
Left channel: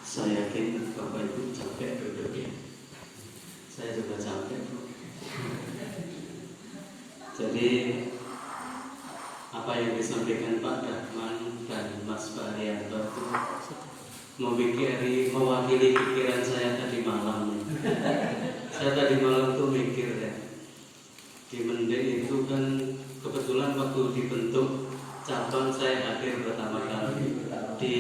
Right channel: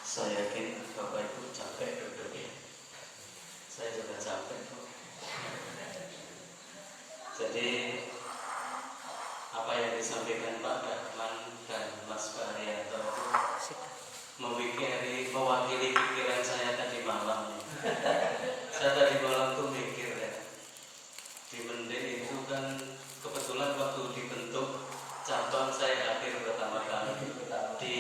Saya yakin Bapak Ibu capek duduknya. Saya juga capek kok. Jadi apa yang disampaikan Pak Rahman dan Mas Bahrianto itu mewakili pikiran saya tadi malam. Saya tadi malam tuh mikir ya, di Mende itu kan kebetulan waktu dibentuk cabang saya hadir pertama kali di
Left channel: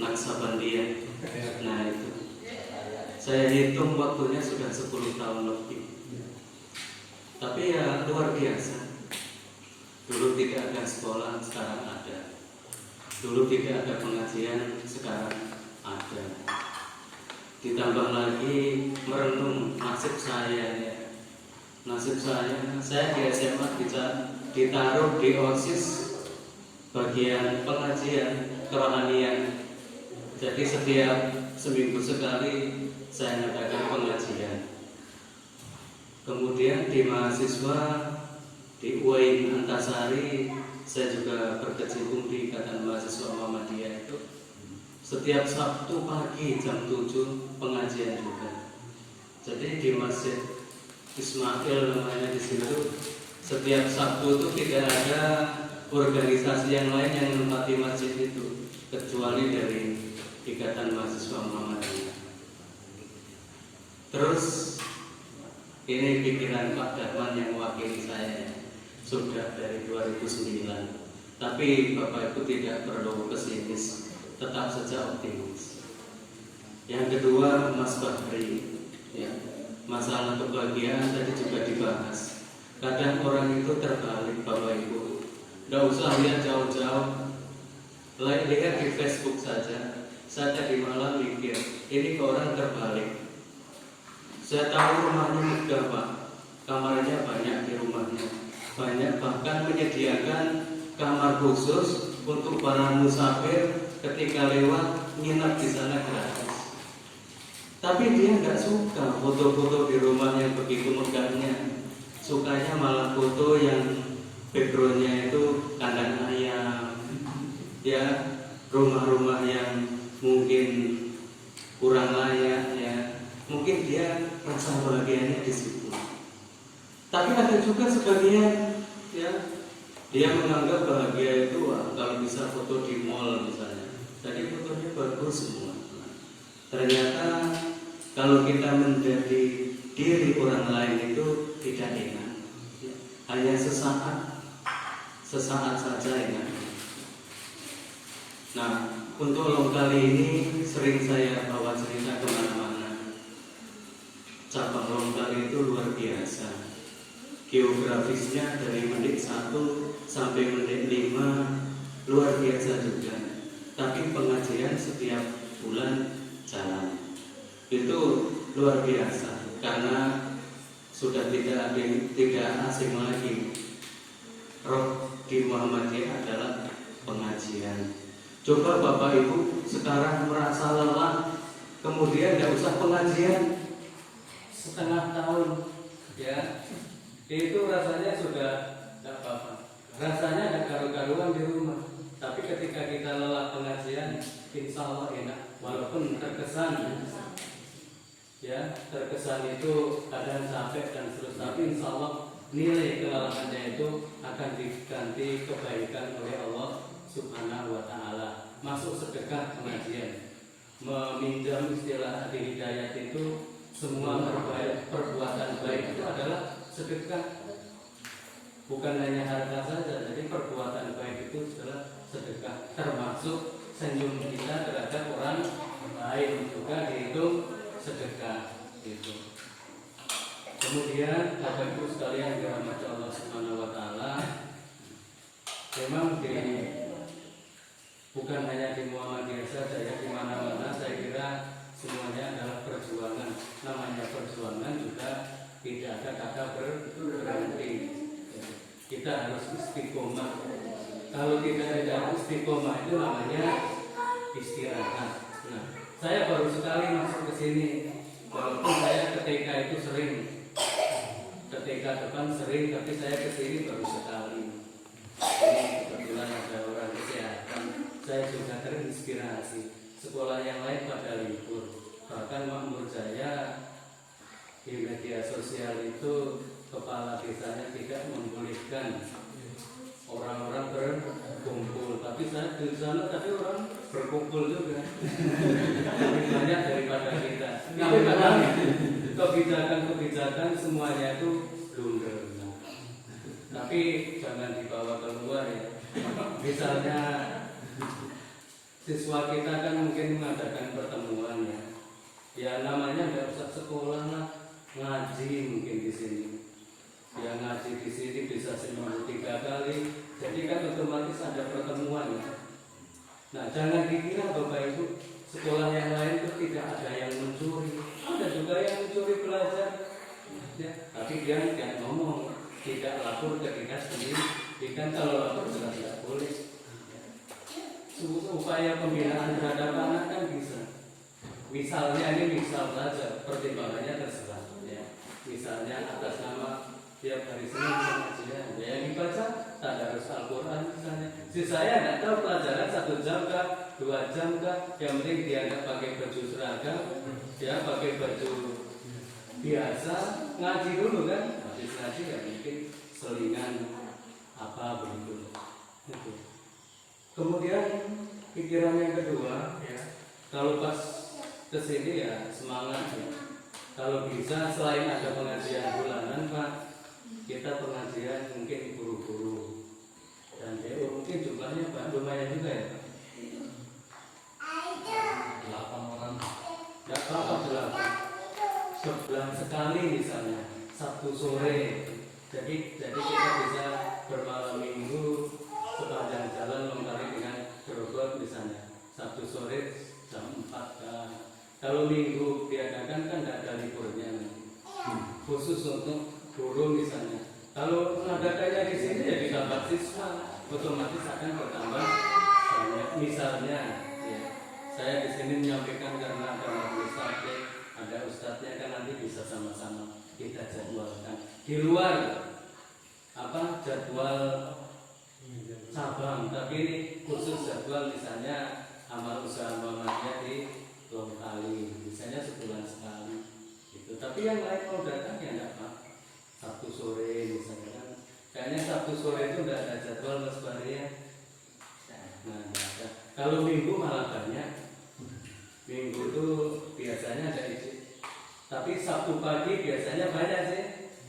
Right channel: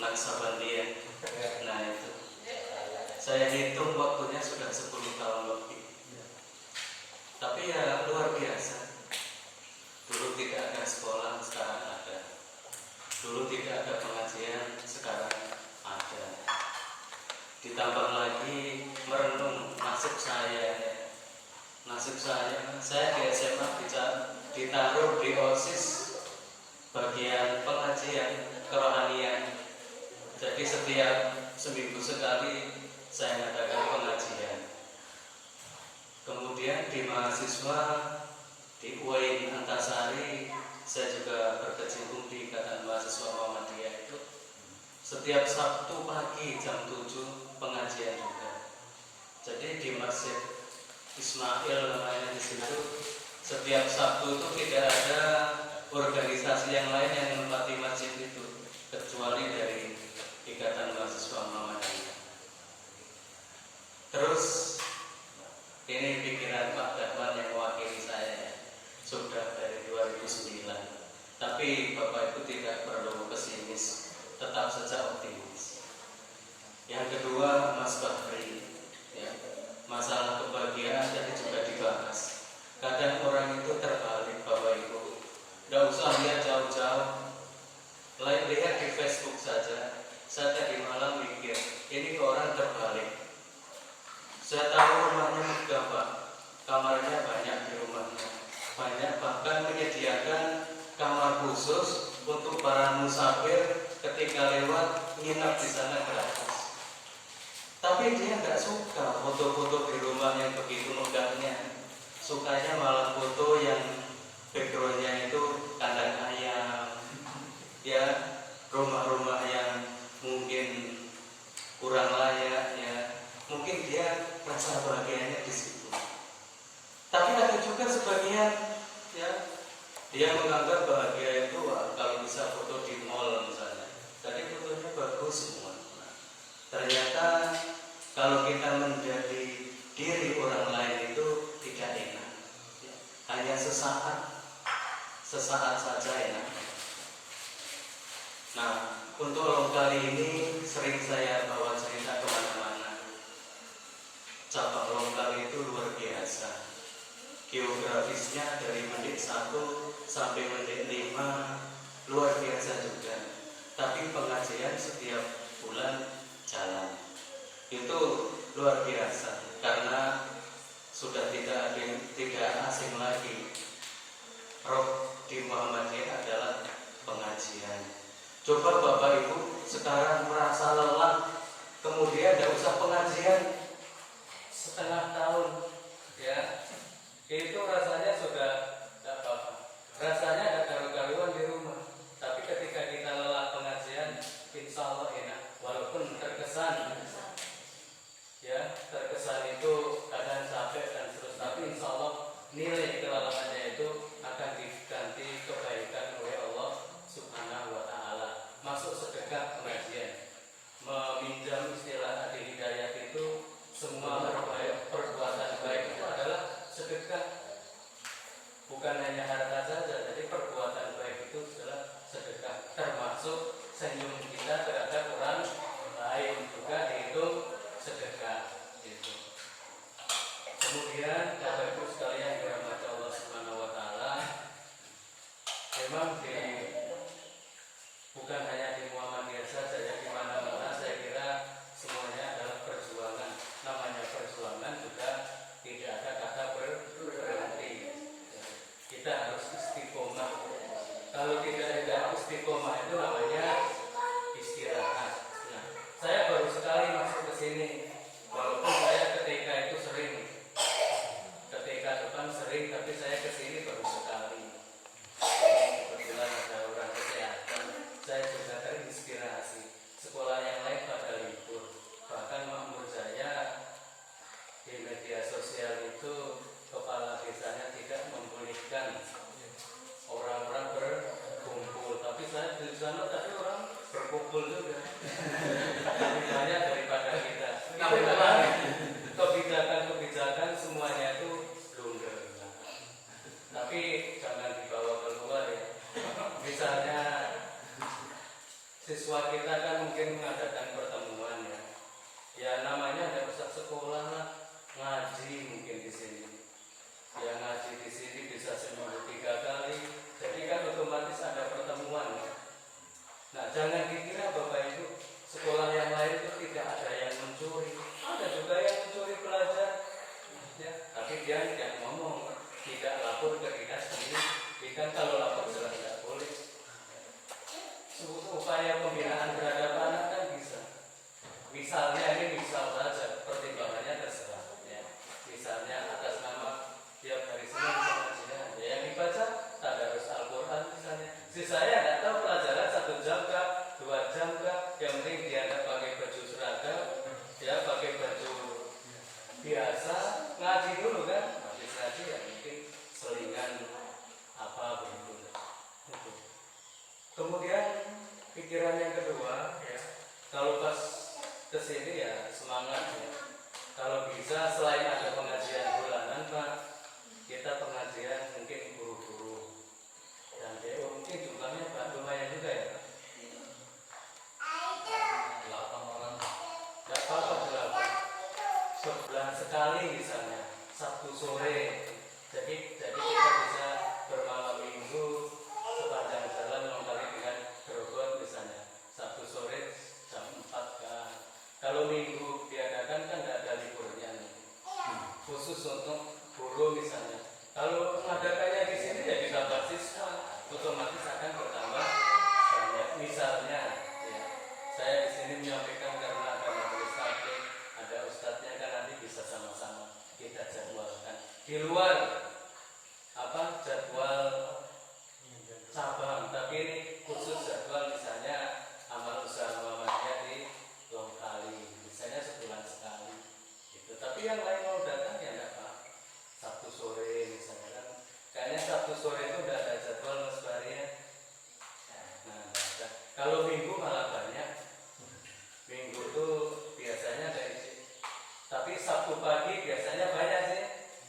Naksabandia. Nah itu, saya hitung waktunya sudah 10 tahun lebih. Tapi ya luar biasa. Dulu tidak ada sekolah, sekarang ada. Dulu tidak ada pengajian, sekarang ada. Ditambah lagi merenung nasib saya. Nasib saya di SMA bisa ditaruh di OSIS bagian pengajian kerohanian. Jadi setiap seminggu sekali saya mengadakan pengajian. Kemudian di mahasiswa di UIN Antasari saya juga berkecimpung di Ikatan Mahasiswa Muhammadiyah itu. Setiap Sabtu pagi jam 7 pengajian juga. Jadi di Masjid Ismail namanya di situ, setiap Sabtu itu tidak ada organisasi yang lain yang menempati masjid itu kecuali dari Ikatan Mahasiswa Muhammadiyah. Terus ini pikiran Pak Darman yang mewakili saya sudah dari 2009. Tapi Bapak Ibu tidak perlu pesimis, tetap saja optimis. Yang kedua, Mas Bahri, ya, masalah kebahagiaan tadi juga dibahas. Kadang orang itu terbalik, Bapak Ibu. Nggak usah lihat jauh-jauh, lihat di Facebook saja. Saya tadi malam mikir, ini ke orang terbalik. Saya tahu rumahnya megah, Pak. Kamarnya banyak di rumahnya, banyak bahkan menyediakan kamar khusus untuk para musafir ketika lewat nginap di sana gratis. Tapi dia nggak suka foto-foto di rumah yang begitu megahnya. Sukanya malah foto yang backgroundnya itu kandang ayam, ya, rumah-rumah yang mungkin kurang layak, ya. Mungkin dia rasa bahagianya di situ. Tapi ada juga sebagian, ya, dia menganggap bahagia itu kalau bisa foto di mall misalnya. Jadi fotonya bagus semua. Ternyata kalau kita menjadi diri orang lain itu tidak enak. Hanya sesaat saja enak. Nah, untuk long kali ini sering saya bawa cerita kemana-mana. Cabang Longkal itu luar biasa. Geografisnya dari menit 1 sampai menit 5 luar biasa juga. Tapi pengajian setiap bulan jalan. Itu luar biasa karena sudah tidak asing lagi. Roh di Muhammadiyah adalah pengajian. Coba Bapak Ibu sekarang merasa lelah, kemudian tidak usah pengajian setengah tahun, ya, itu rasanya sudah tidak apa-apa. Rasanya ada karu-karuan di rumah. Tapi ketika kita lelah pengajian, insya Allah enak. Walaupun terkesan, ya, terkesan itu kadang capek dan terus, tapi insya Allah nilai kelelahannya itu akan diganti kebaikan oleh Allah Subhanahu wa Ta'ala. Masuk sedekah pengajian, meminjam istilah Adi Hidayat itu. Semua perbuatan baik itu adalah sedekah. Bukan hanya harta saja, jadi perbuatan baik itu adalah sedekah. Termasuk senyum kita terhadap orang lain juga dihitung sedekah. Itu. Kemudian Bapak Ibu sekalian dirahmati Allah Subhanahu wa Ta'ala, memang bukan hanya di Muhammadiyah saja, ya, di mana-mana saya kira semuanya adalah perjuangan. Namanya perjuangan juga tidak ada kata berhenti. Kita harus istiqomah. Kalau tidak ada istiqomah itu namanya istirahat. Nah, saya baru sekali masuk ke sini. Walaupun saya ketika itu sering, ketika depan sering, tapi saya ke sini baru sekali. Ini kebetulan ada orang kesehatan. Saya juga terinspirasi. Sekolah yang lain pada libur. Bahkan Makmur Jaya di media sosial itu kepala desanya tidak membolehkan orang-orang berkumpul. Tapi saya di sana tadi orang berkumpul juga. Lebih banyak daripada kita. Tapi memang kebijakan semuanya itu blunder. Tapi jangan dibawa keluar, ya. Misalnya siswa kita kan mungkin mengadakan pertemuan ya. Ya namanya ada pusat sekolah lah, ngaji mungkin di sini. Ya ngaji di sini bisa seminggu 3 kali. Jadi kan otomatis ada pertemuan ya. Nah jangan dikira Bapak Ibu sekolah yang lain itu tidak ada yang mencuri. Ada juga yang mencuri pelajar. Ya, tapi dia tidak ngomong, tidak lapor ke dinas pendidikan. Kalau lapor jelas tidak boleh. Upaya pembinaan terhadap anak kan bisa. Misalnya ini misal saja, pertimbangannya terserah. Ya. Misalnya atas nama tiap hari Senin pengajian, yang dibaca tadarus Al-Quran misalnya. Saya tidak tahu pelajaran 1 jam kah, 2 jam kah. Yang penting dia tidak pakai baju seragam, ya pakai baju biasa, ngaji dulu kan. Habis ngaji ya mungkin selingan apa begitu. Kemudian pikiran yang kedua ya, kalau pas kesini ya semangat ya. Kalau bisa selain ada pengajian bulanan Pak, kita pengajian mungkin guru-guru dan DO mungkin jumlahnya Pak lumayan juga ya. 8 orang. Tidak apa-apa 8. Sebulan sekali misalnya Sabtu sore. Jadi kita bisa bermalam minggu sepanjang jalan lengkali dengan gerobak misalnya. Sabtu sore jam 4 kan. Kalau minggu diadakan kan tidak ada liburnya nanti. Khusus untuk guru misalnya. Kalau mengadakannya di sini ya ditambah siswa, otomatis akan bertambah banyak. Misalnya, ya, saya di sini menyampaikan karena ada majelis taklim, ada ustadznya kan nanti bisa sama-sama kita jadwalkan. Di luar apa jadwal cabang, tapi ini khusus jadwal misalnya amal usaha Muhammadiyah di Longkali, misalnya sebulan sekali gitu. Tapi yang lain mau datang ya enggak Pak, Sabtu sore misalnya kan. Kayaknya Sabtu sore itu enggak ada jadwal Mas Bari ya. Nah, enggak ada. Kalau minggu malah banyak. Minggu itu biasanya ada isi. Tapi Sabtu pagi biasanya banyak sih.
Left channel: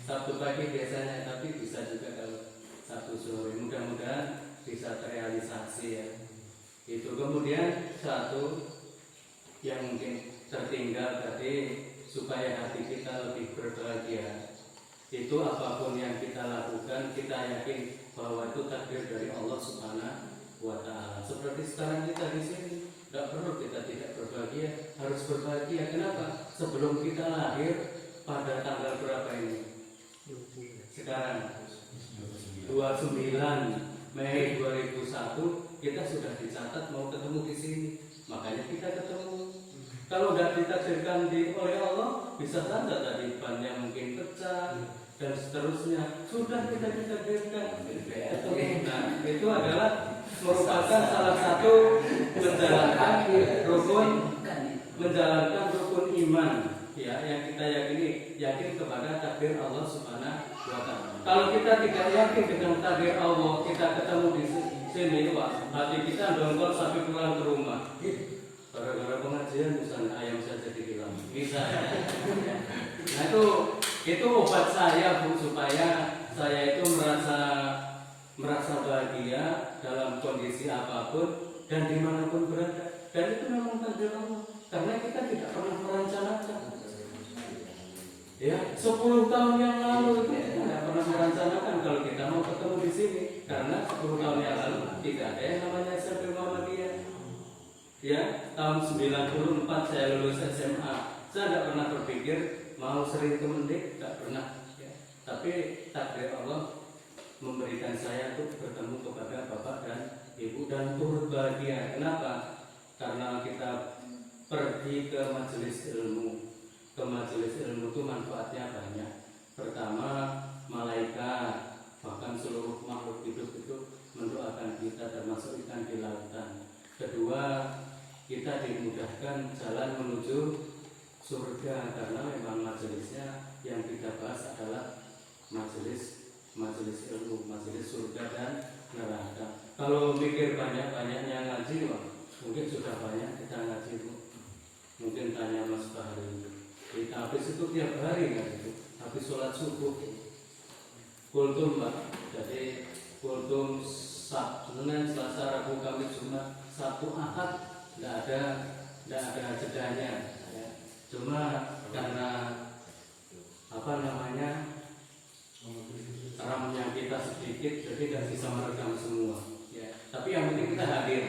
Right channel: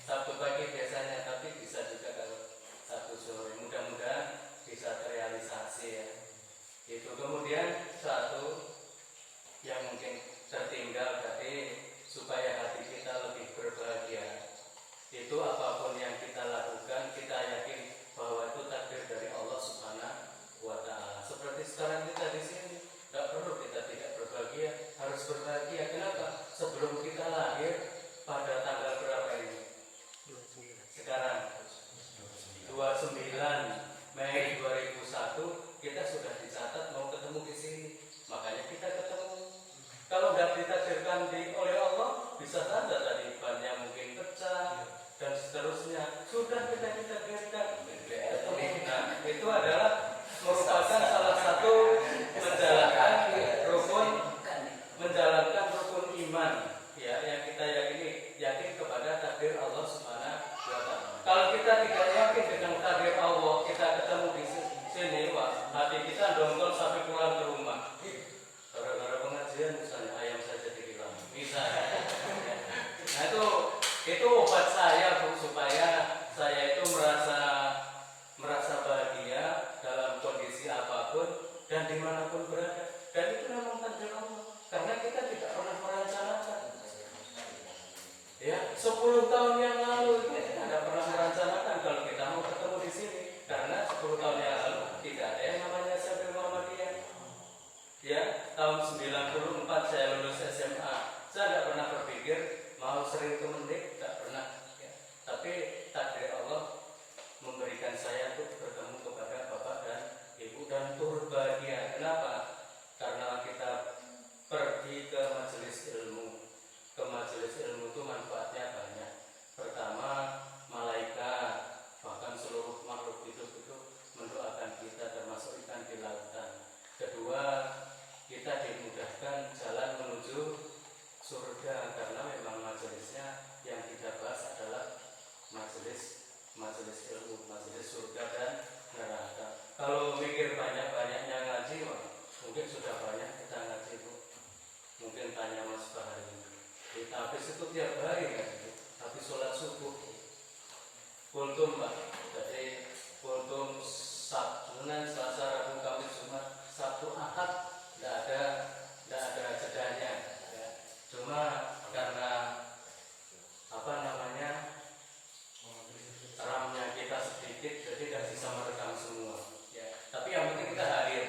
Sabtu pagi biasanya, tapi bisa juga kalau Sabtu sore. Mudah-mudahan bisa terrealisasi ya. Itu kemudian satu yang mungkin tertinggal tadi supaya hati kita lebih berbahagia. Itu apapun yang kita lakukan, kita yakin bahwa itu takdir dari Allah Subhanahu wa Ta'ala. Seperti sekarang kita di sini, tidak perlu kita tidak berbahagia, harus berbahagia. Kenapa? Sebelum kita lahir pada tanggal berapa ini? Sekarang 29 Mei 2001 kita sudah dicatat mau ketemu di sini. Makanya kita ketemu. Kalau tidak ditakdirkan oleh Allah, bisa saja tadi bannya mungkin pecah dan seterusnya. Sudah kita ditakdirkan. Nah, itu adalah merupakan salah satu menjalankan rukun iman ya yang kita yakin kepada takdir Allah Subhanahu wa Ta'ala. Kalau kita tidak yakin dengan takdir Allah, kita ketemu di sini, Pak, hati kita dongkol sampai pulang ke rumah. Gara-gara pengajian misalnya ayam saja dihilang. Misalnya. Nah itu obat saya Bu, supaya saya itu merasa bahagia dalam kondisi apapun dan dimanapun berada. Dan itu memang takdir Allah. Karena kita tidak pernah merencanakan. Ya, 10 tahun yang lalu itu kita tidak pernah merencanakan kalau kita mau ketemu di sini. Karena 10 tahun yang lalu tidak ada yang namanya SMP Muhammadiyah. Ya, tahun 94 saya lulus SMA. Saya tidak pernah berpikir mau sering ke Mendik, tidak pernah. Ya. Tapi takdir Allah memberikan saya untuk bertemu kepada Bapak dan Ibu dan turut bahagia. Kenapa? Karena kita pergi ke majelis ilmu. Ke majelis ilmu itu manfaatnya banyak. Pertama, malaikat bahkan seluruh makhluk hidup itu mendoakan kita, termasuk ikan di lautan. Kedua, kita dimudahkan jalan menuju surga karena memang majelisnya yang kita bahas adalah majelis ilmu, majelis surga dan neraka. Kalau mikir banyak-banyaknya ngaji, wah, mungkin sudah banyak kita ngaji Bu. Mungkin tanya Mas Bahari. Kita habis itu tiap hari ngaji, habis sholat subuh. Kultum Pak, jadi kultum Senin, Selasa, Rabu, Kamis, Jumat, Sabtu, Ahad tidak ada jedanya. Ya. Cuma karena apa namanya RAM-nya kita sedikit, jadi tidak bisa merekam semua. Ya. Tapi yang penting kita hadir.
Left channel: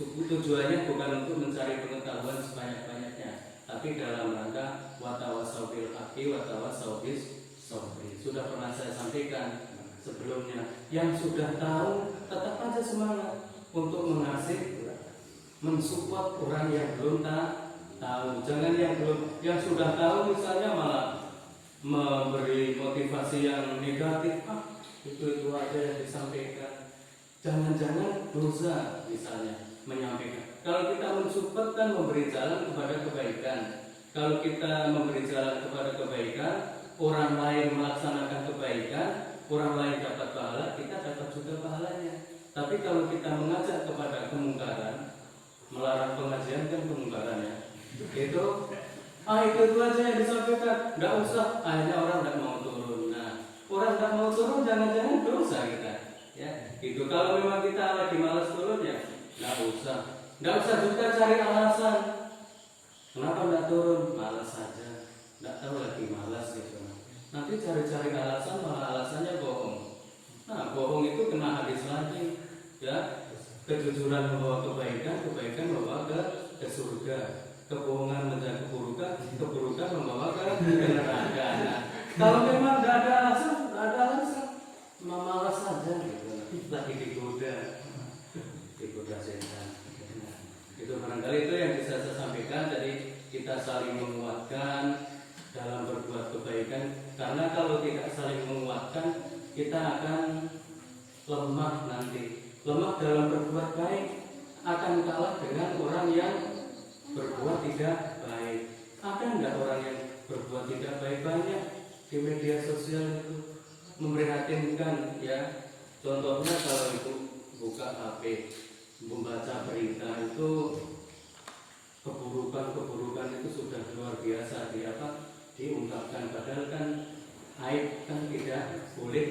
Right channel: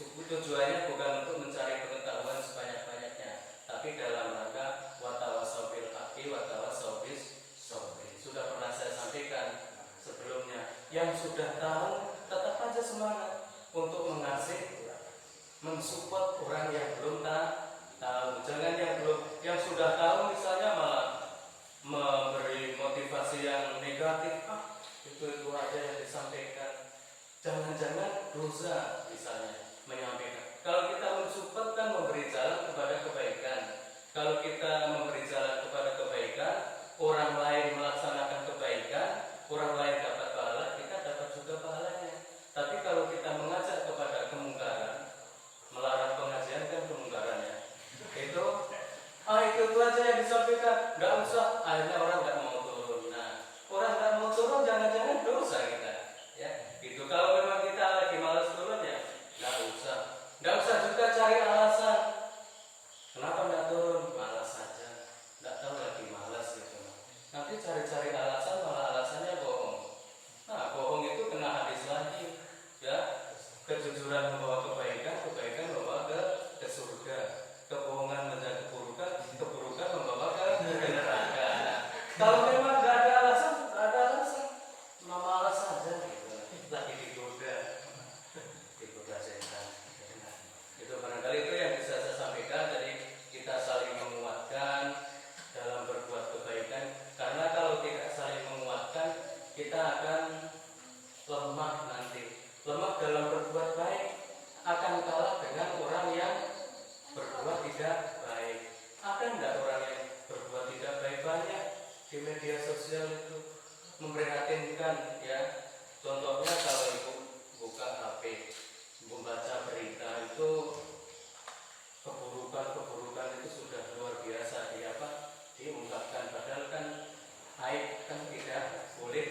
Tujuannya bukan untuk mencari pengetahuan sebanyak-banyaknya, tapi dalam rangka watawasau bil haqqi watawasau bis sabri. Sudah pernah saya sampaikan sebelumnya, yang sudah tahu tetap aja semangat untuk mengasih, mensupport orang yang belum tahu. Jangan yang sudah tahu misalnya malah memberi motivasi yang negatif. Itu aja yang disampaikan. Jangan-jangan dosa misalnya menyampaikan. Kalau kita mensupport kan memberi jalan kepada kebaikan. Kalau kita memberi jalan kepada kebaikan, orang lain melaksanakan kebaikan, orang lain dapat pahala, kita dapat juga pahalanya. Tapi kalau kita mengajak kepada kemungkaran, melarang pengajian kan kemungkaran ya. Itu aja yang disampaikan, nggak usah. Akhirnya orang nggak mau turun. Nah, orang nggak mau turun, jangan-jangan dosa kita. Ya, itu kalau memang kita lagi malas turun ya, nggak usah juga cari alasan. Kenapa nggak turun? Malas saja, nggak tahu lagi malas gitu. Nanti cari-cari alasan, malah alasannya bohong. Nah, bohong itu kena hadis lagi, ya. Kejujuran membawa kebaikan, kebaikan membawa ke surga. Kebohongan menjaga keburukan, keburukan membawa ke neraka. Nah, kalau memang nggak ada alasan, malas saja gitu. Lagi digoda setan. Nah, itu barangkali itu yang bisa saya sampaikan. Jadi kita saling menguatkan dalam berbuat kebaikan, karena kalau tidak saling menguatkan kita akan lemah nanti. Lemah dalam berbuat baik akan kalah dengan orang yang berbuat tidak baik. Ada enggak orang yang berbuat tidak baik? Banyak di media sosial itu, memprihatinkan ya. Contohnya kalau ibu buka HP, membaca berita itu keburukan itu sudah luar biasa diungkapkan. Padahal kan aib kan tidak boleh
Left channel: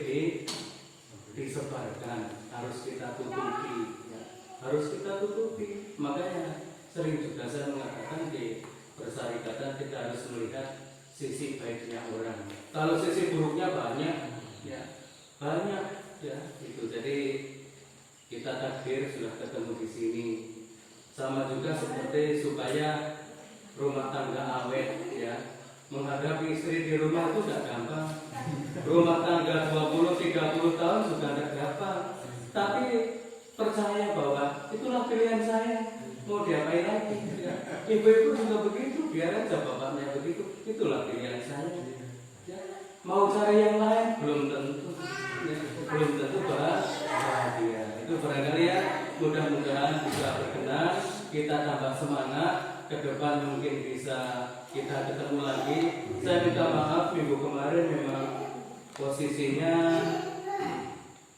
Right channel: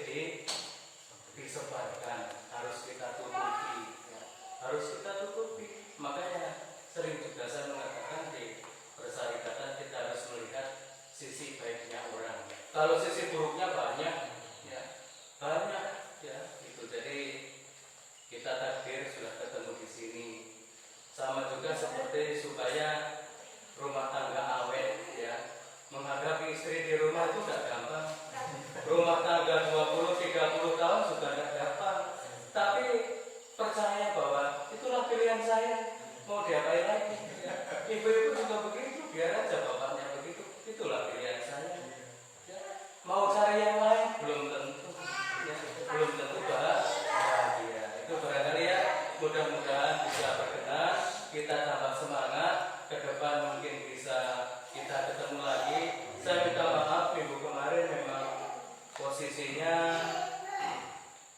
disebarkan, harus kita tutupi ya. Harus kita tutupi. Makanya sering juga saya mengatakan di persyarikatan kita harus melihat sisi baiknya orang. Kalau sisi buruknya banyak ya itu. Jadi kita takdir sudah ketemu di sini. Sama juga seperti supaya rumah tangga awet ya. Menghadapi istri di rumah itu tidak gampang. Rumah tangga 20-30 tahun sudah tidak gampang. Tapi percaya bahwa itulah pilihan saya. Mau diapain lagi ya. Ibu-ibu juga begitu, biar aja bapaknya begitu. Itulah pilihan saya ya. Mau cari yang lain belum tentu ya. Belum tentu bahagia. Itu barangkali ya, mudah-mudahan bisa berkenan, kita tambah semangat. Ke depan mungkin bisa kita ketemu lagi. Saya minta maaf minggu kemarin memang posisinya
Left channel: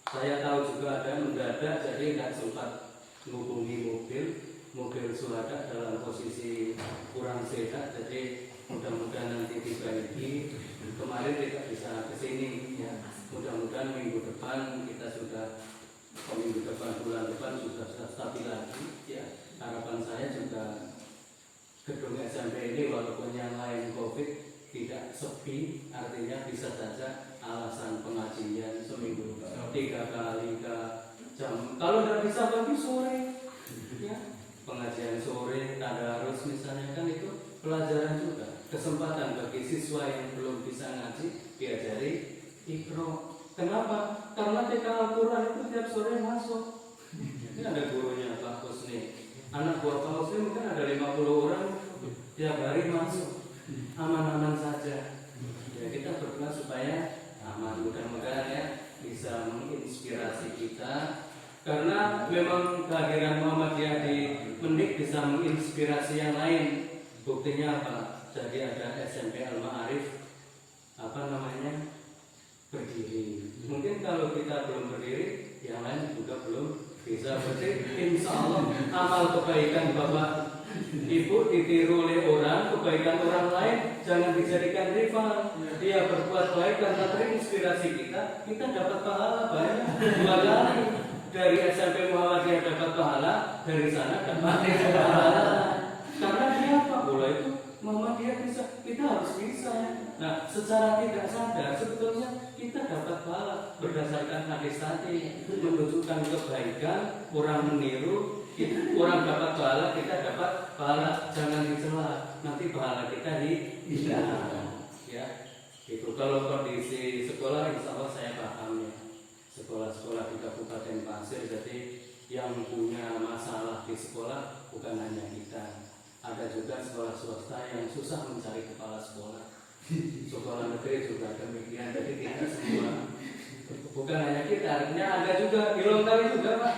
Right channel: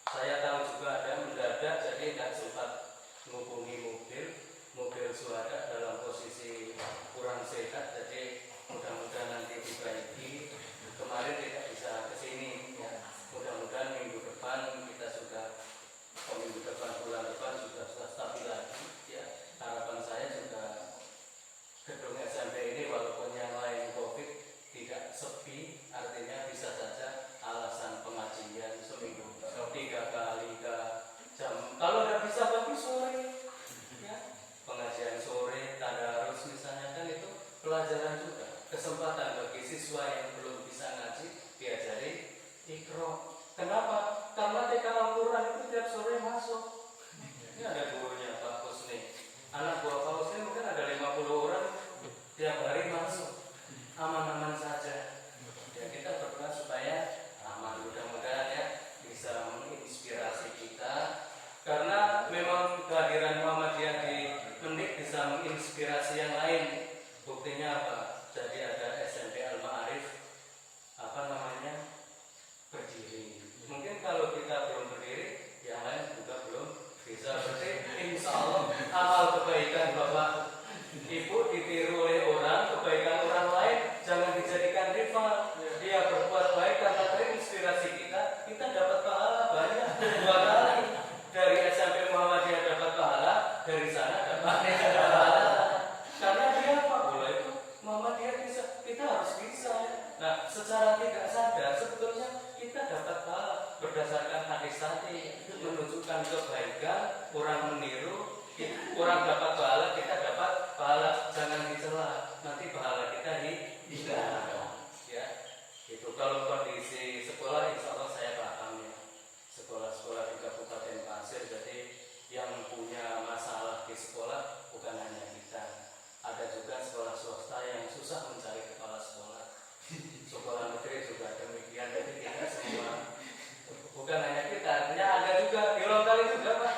saya tahu juga ada mendadak, jadi nggak sempat menghubungi mobil suhada dalam posisi kurang sehat. Jadi mudah-mudahan nanti dibaiki. Kemarin tidak bisa kesini ya. Mudah-mudahan minggu depan kita minggu depan, bulan depan sudah stabil lagi ya. Harapan saya juga gedung SMP ini walaupun yang lain COVID tidak sepi, artinya bisa saja alasan pengajian seminggu 3 kali ke jam. Kalau tidak bisa pagi sore ya, pengajian sore, tadarus misalnya, kan itu pelajaran juga, kesempatan bagi siswa yang belum bisa ngaji diajari Iqra. Kenapa? Karena TK Al-Quran itu tiap sore masuk. Ini ada gurunya Pak Husni. Anak buah Pak Husni mungkin ada 50 orang tiap hari masuk. Aman-aman saja. Ya, kita berdoa supaya aman. Mudah-mudahan ya bisa menginspirasi kita. Karena memang kehadiran Muhammadiyah di Mendik bisa menginspirasi yang lain. Buktinya apa? Jadi ada SMP Al-Ma'arif berdiri. Mungkin kalau kita belum berdiri, yang lain juga belum bisa. Berarti insya Allah amal kebaikan Bapak Ibu ditiru oleh orang, kebaikan orang lain jangan dijadikan rival. Dia berbuat baik karena terinspirasi kita dapat pahala banyak 2 kali. dari SMP Muhammadiyah dapat pahala, dari sana dapat pahala. Karena dia apa? Bola itu Muhammadiyah bisa, kita harus bisa. Nah, secara tidak sadar sebetulnya kita dapat pahala berdasarkan hadis tadi, menunjukkan kebaikan, orang meniru, orang dapat pahala, kita dapat pahala. Jangan dicela, nanti pahala kita hilang. Ya, itu kalau kondisi sekolah, insya Allah saya paham ya. Sekolah-sekolah di Kabupaten Pasir, jadi yang punya masalah di sekolah bukan hanya kita. Ada juga sekolah swasta yang susah mencari kepala sekolah. Sekolah negeri juga demikian. Jadi kita semua, bukan hanya kita, artinya ada juga di Lontari juga Pak.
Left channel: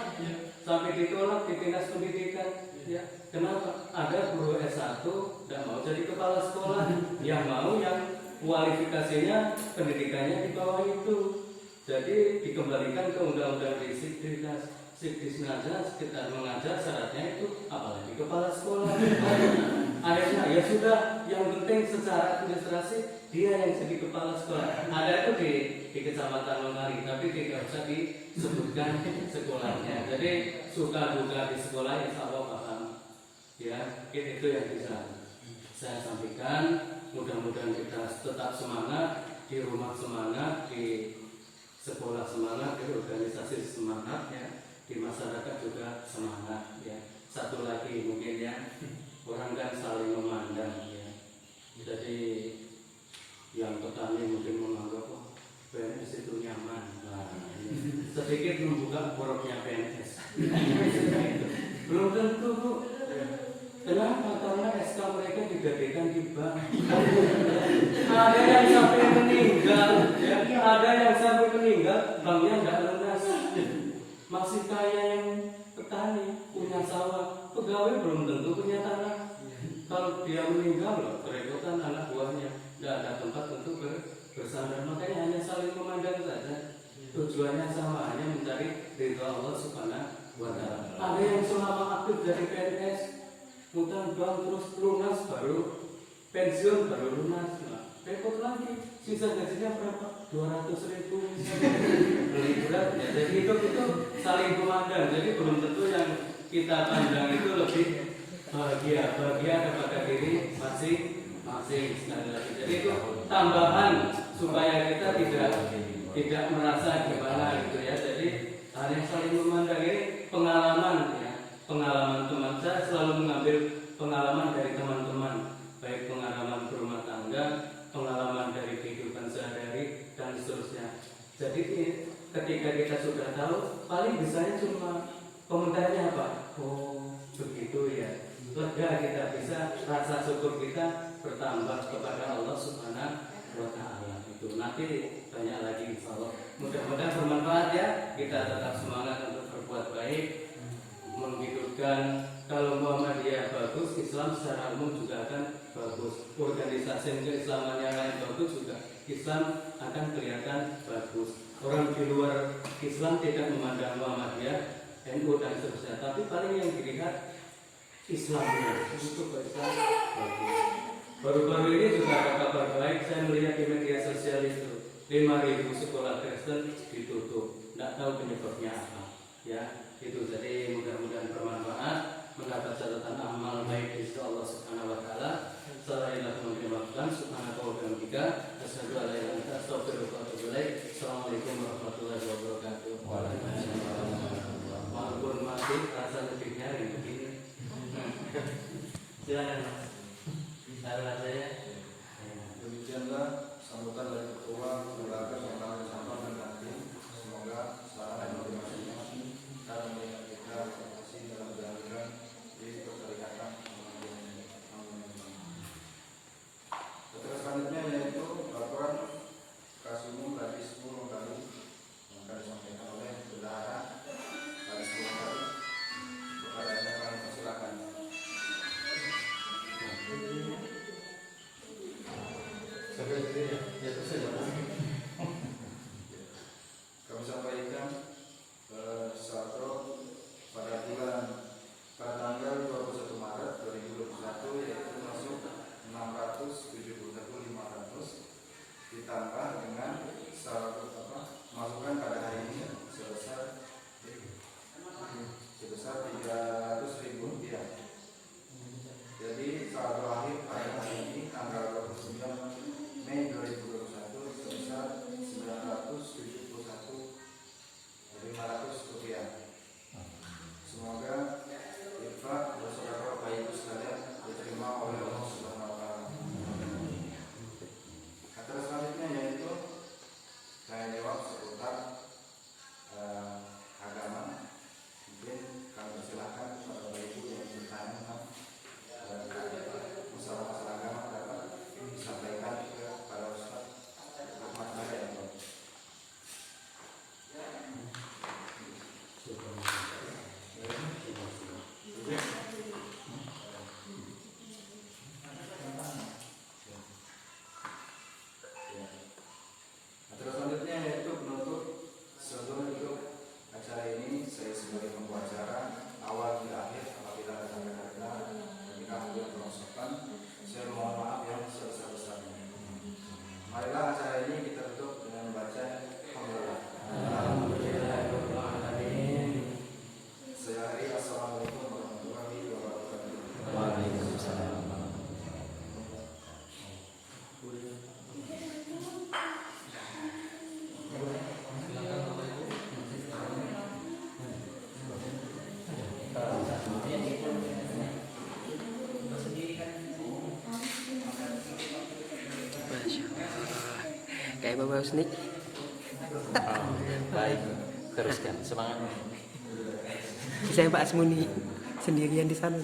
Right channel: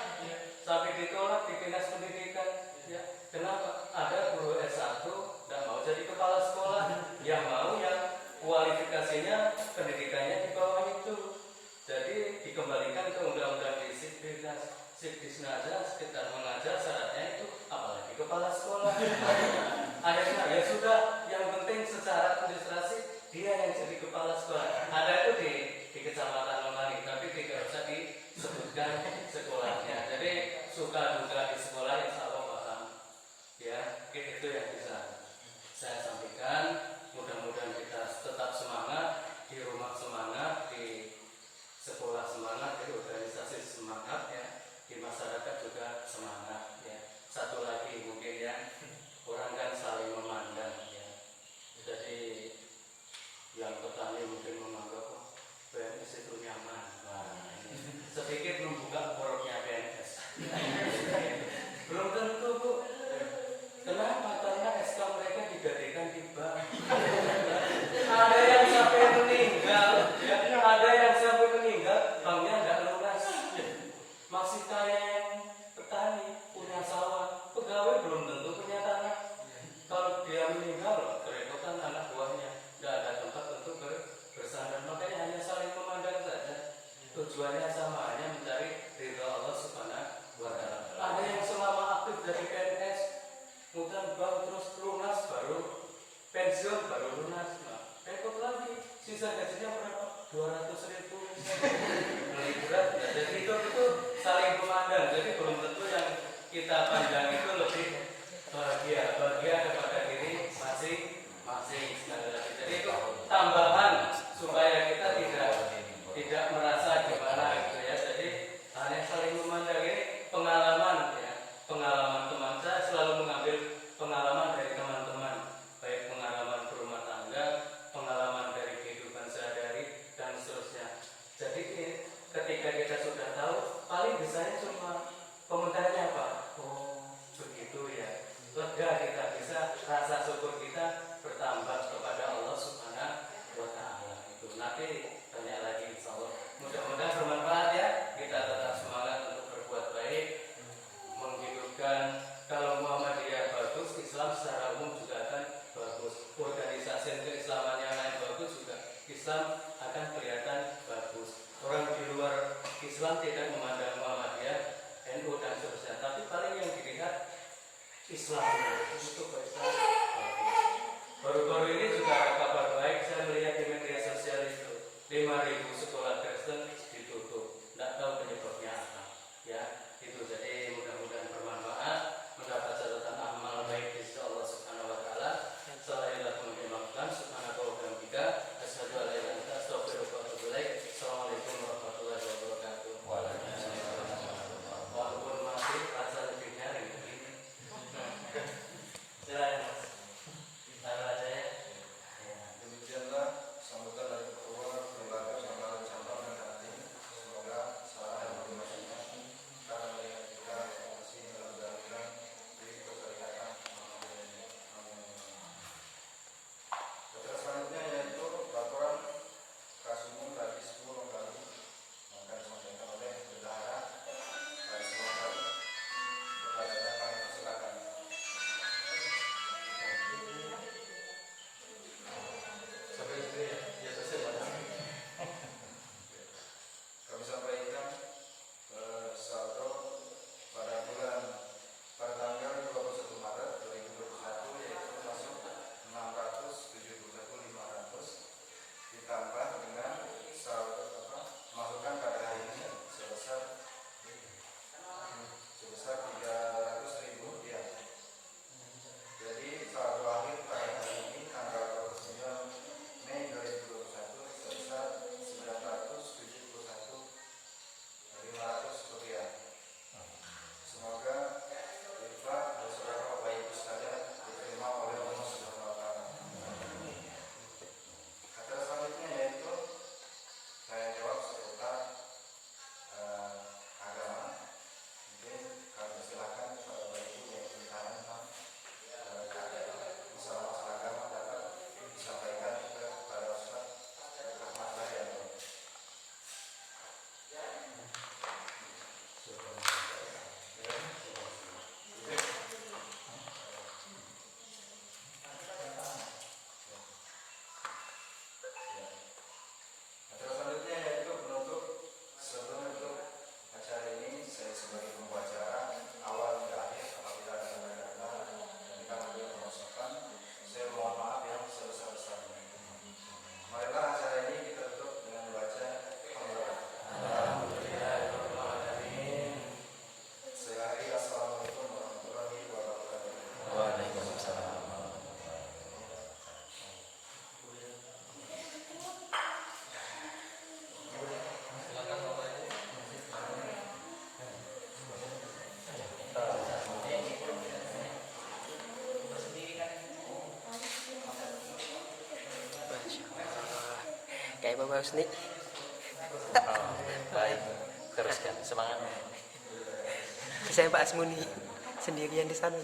Sampai ditolak di dinas pendidikan. Ya, kenapa? Ada guru S1 tidak mau jadi kepala sekolah, yang mau yang kualifikasinya pendidikannya di bawah itu. Jadi dikembalikan ke undang-undang Sikdisnaja sekitar mengajar syaratnya itu apalagi kepala sekolah. Akhirnya ya sudah, yang penting secara administrasi dia yang jadi kepala sekolah. Ada itu di Kecamatan Lontari, tapi tidak usah disebutkan sekolahnya. Jadi suka duka di sekolah insya Allah paham. Ya, itu yang bisa saya sampaikan. Mudah-mudahan kita tetap semangat, di rumah semangat, di sekolah semangat, di organisasi semangat ya. Di masyarakat juga semangat ya. Satu lagi mungkin ya, orang kan saling memandang ya. Jadi yang petani mungkin menganggap PNS itu nyaman. Nah, ini sedikit membuka poroknya PNS. Belum tentu Bu. Kenapa? Karena SK mereka digadekan di bank. Ada yang sampai meninggal, ya. Ada yang sampai meninggal, banknya nggak lunas. Masih kaya yang petani, punya sawah, pegawai belum tentu punya tanah. Kalau dia meninggal, kerepotan anak buahnya, nggak ada tempat untuk bersandar. Makanya hanya saling memandang saja. Tujuannya sama, hanya mencari ridha Allah Subhanahu wa Ta'ala. Ada yang selama aktif dari PNS, ngutang bank terus lunas, baru pensiun baru lunas. Nah, repot lagi. Sisa gajinya berapa? 200.000 misalnya. Beli berat. Nah, jadi itu saling memandang. Jadi belum tentu yang kita pandang itu lebih bahagia kepada diri masing-masing. Sekali lagi. Jadi itu tambahan supaya kita tidak merasa gimana gitu ya. Jadi hanya saling memandang. Ini pengalaman ya. Pengalaman teman saya selalu mengambil pengalaman dari teman-teman, baik pengalaman berumah tangga, pengalaman dari kehidupan sehari-hari dan seterusnya. Jadi ketika kita sudah tahu, paling bisanya cuma komentarnya apa? Oh begitu ya. Lega kita, bisa rasa syukur kita bertambah kepada Allah Subhanahu wa Ta'ala. Itu nanti banyak lagi insya Allah. Mudah-mudahan bermanfaat ya. Kita tetap semangat untuk berbuat baik, menghidupkan. Kalau Muhammadiyah bagus, Islam secara umum juga akan bagus. Organisasi keislaman yang lain bagus juga, Islam akan kelihatan bagus. Orang di luar Islam tidak memandang Muhammadiyah, NU dan seterusnya, tapi paling yang dilihat Islamnya. Untuk Islam bagus. Baru-baru ini juga ada kabar baik, saya melihat di media sosial itu 5.000 sekolah Kristen ditutup. Tidak tahu penyebabnya apa. Ya, itu jadi mudah-mudahan bermanfaat, mendapat catatan amal baik di sisi Allah Subhanahu wa Ta'ala. Sallallahu alaihi wa sallam. Subhanallahi wa bihamdihi, asyhadu an la ilaha illa anta, astaghfiruka wa atubu ilaik. Assalamualaikum warahmatullahi wabarakatuh. Walaupun masih rasa lebih nyaring begini. Silakan Mas. Taruh aja ya. Demikianlah sambutan dari ketua lembaga serta disampaikan nanti. Semoga saran dan motivasinya dalam melihat kita masih dalam jalan di persyarikatan. Selanjutnya yaitu laporan Kasumum Radis Kayak Bapak Husni. Oh, baik, teruskan semangat. Saya Pak Asmuni sendirian di sana.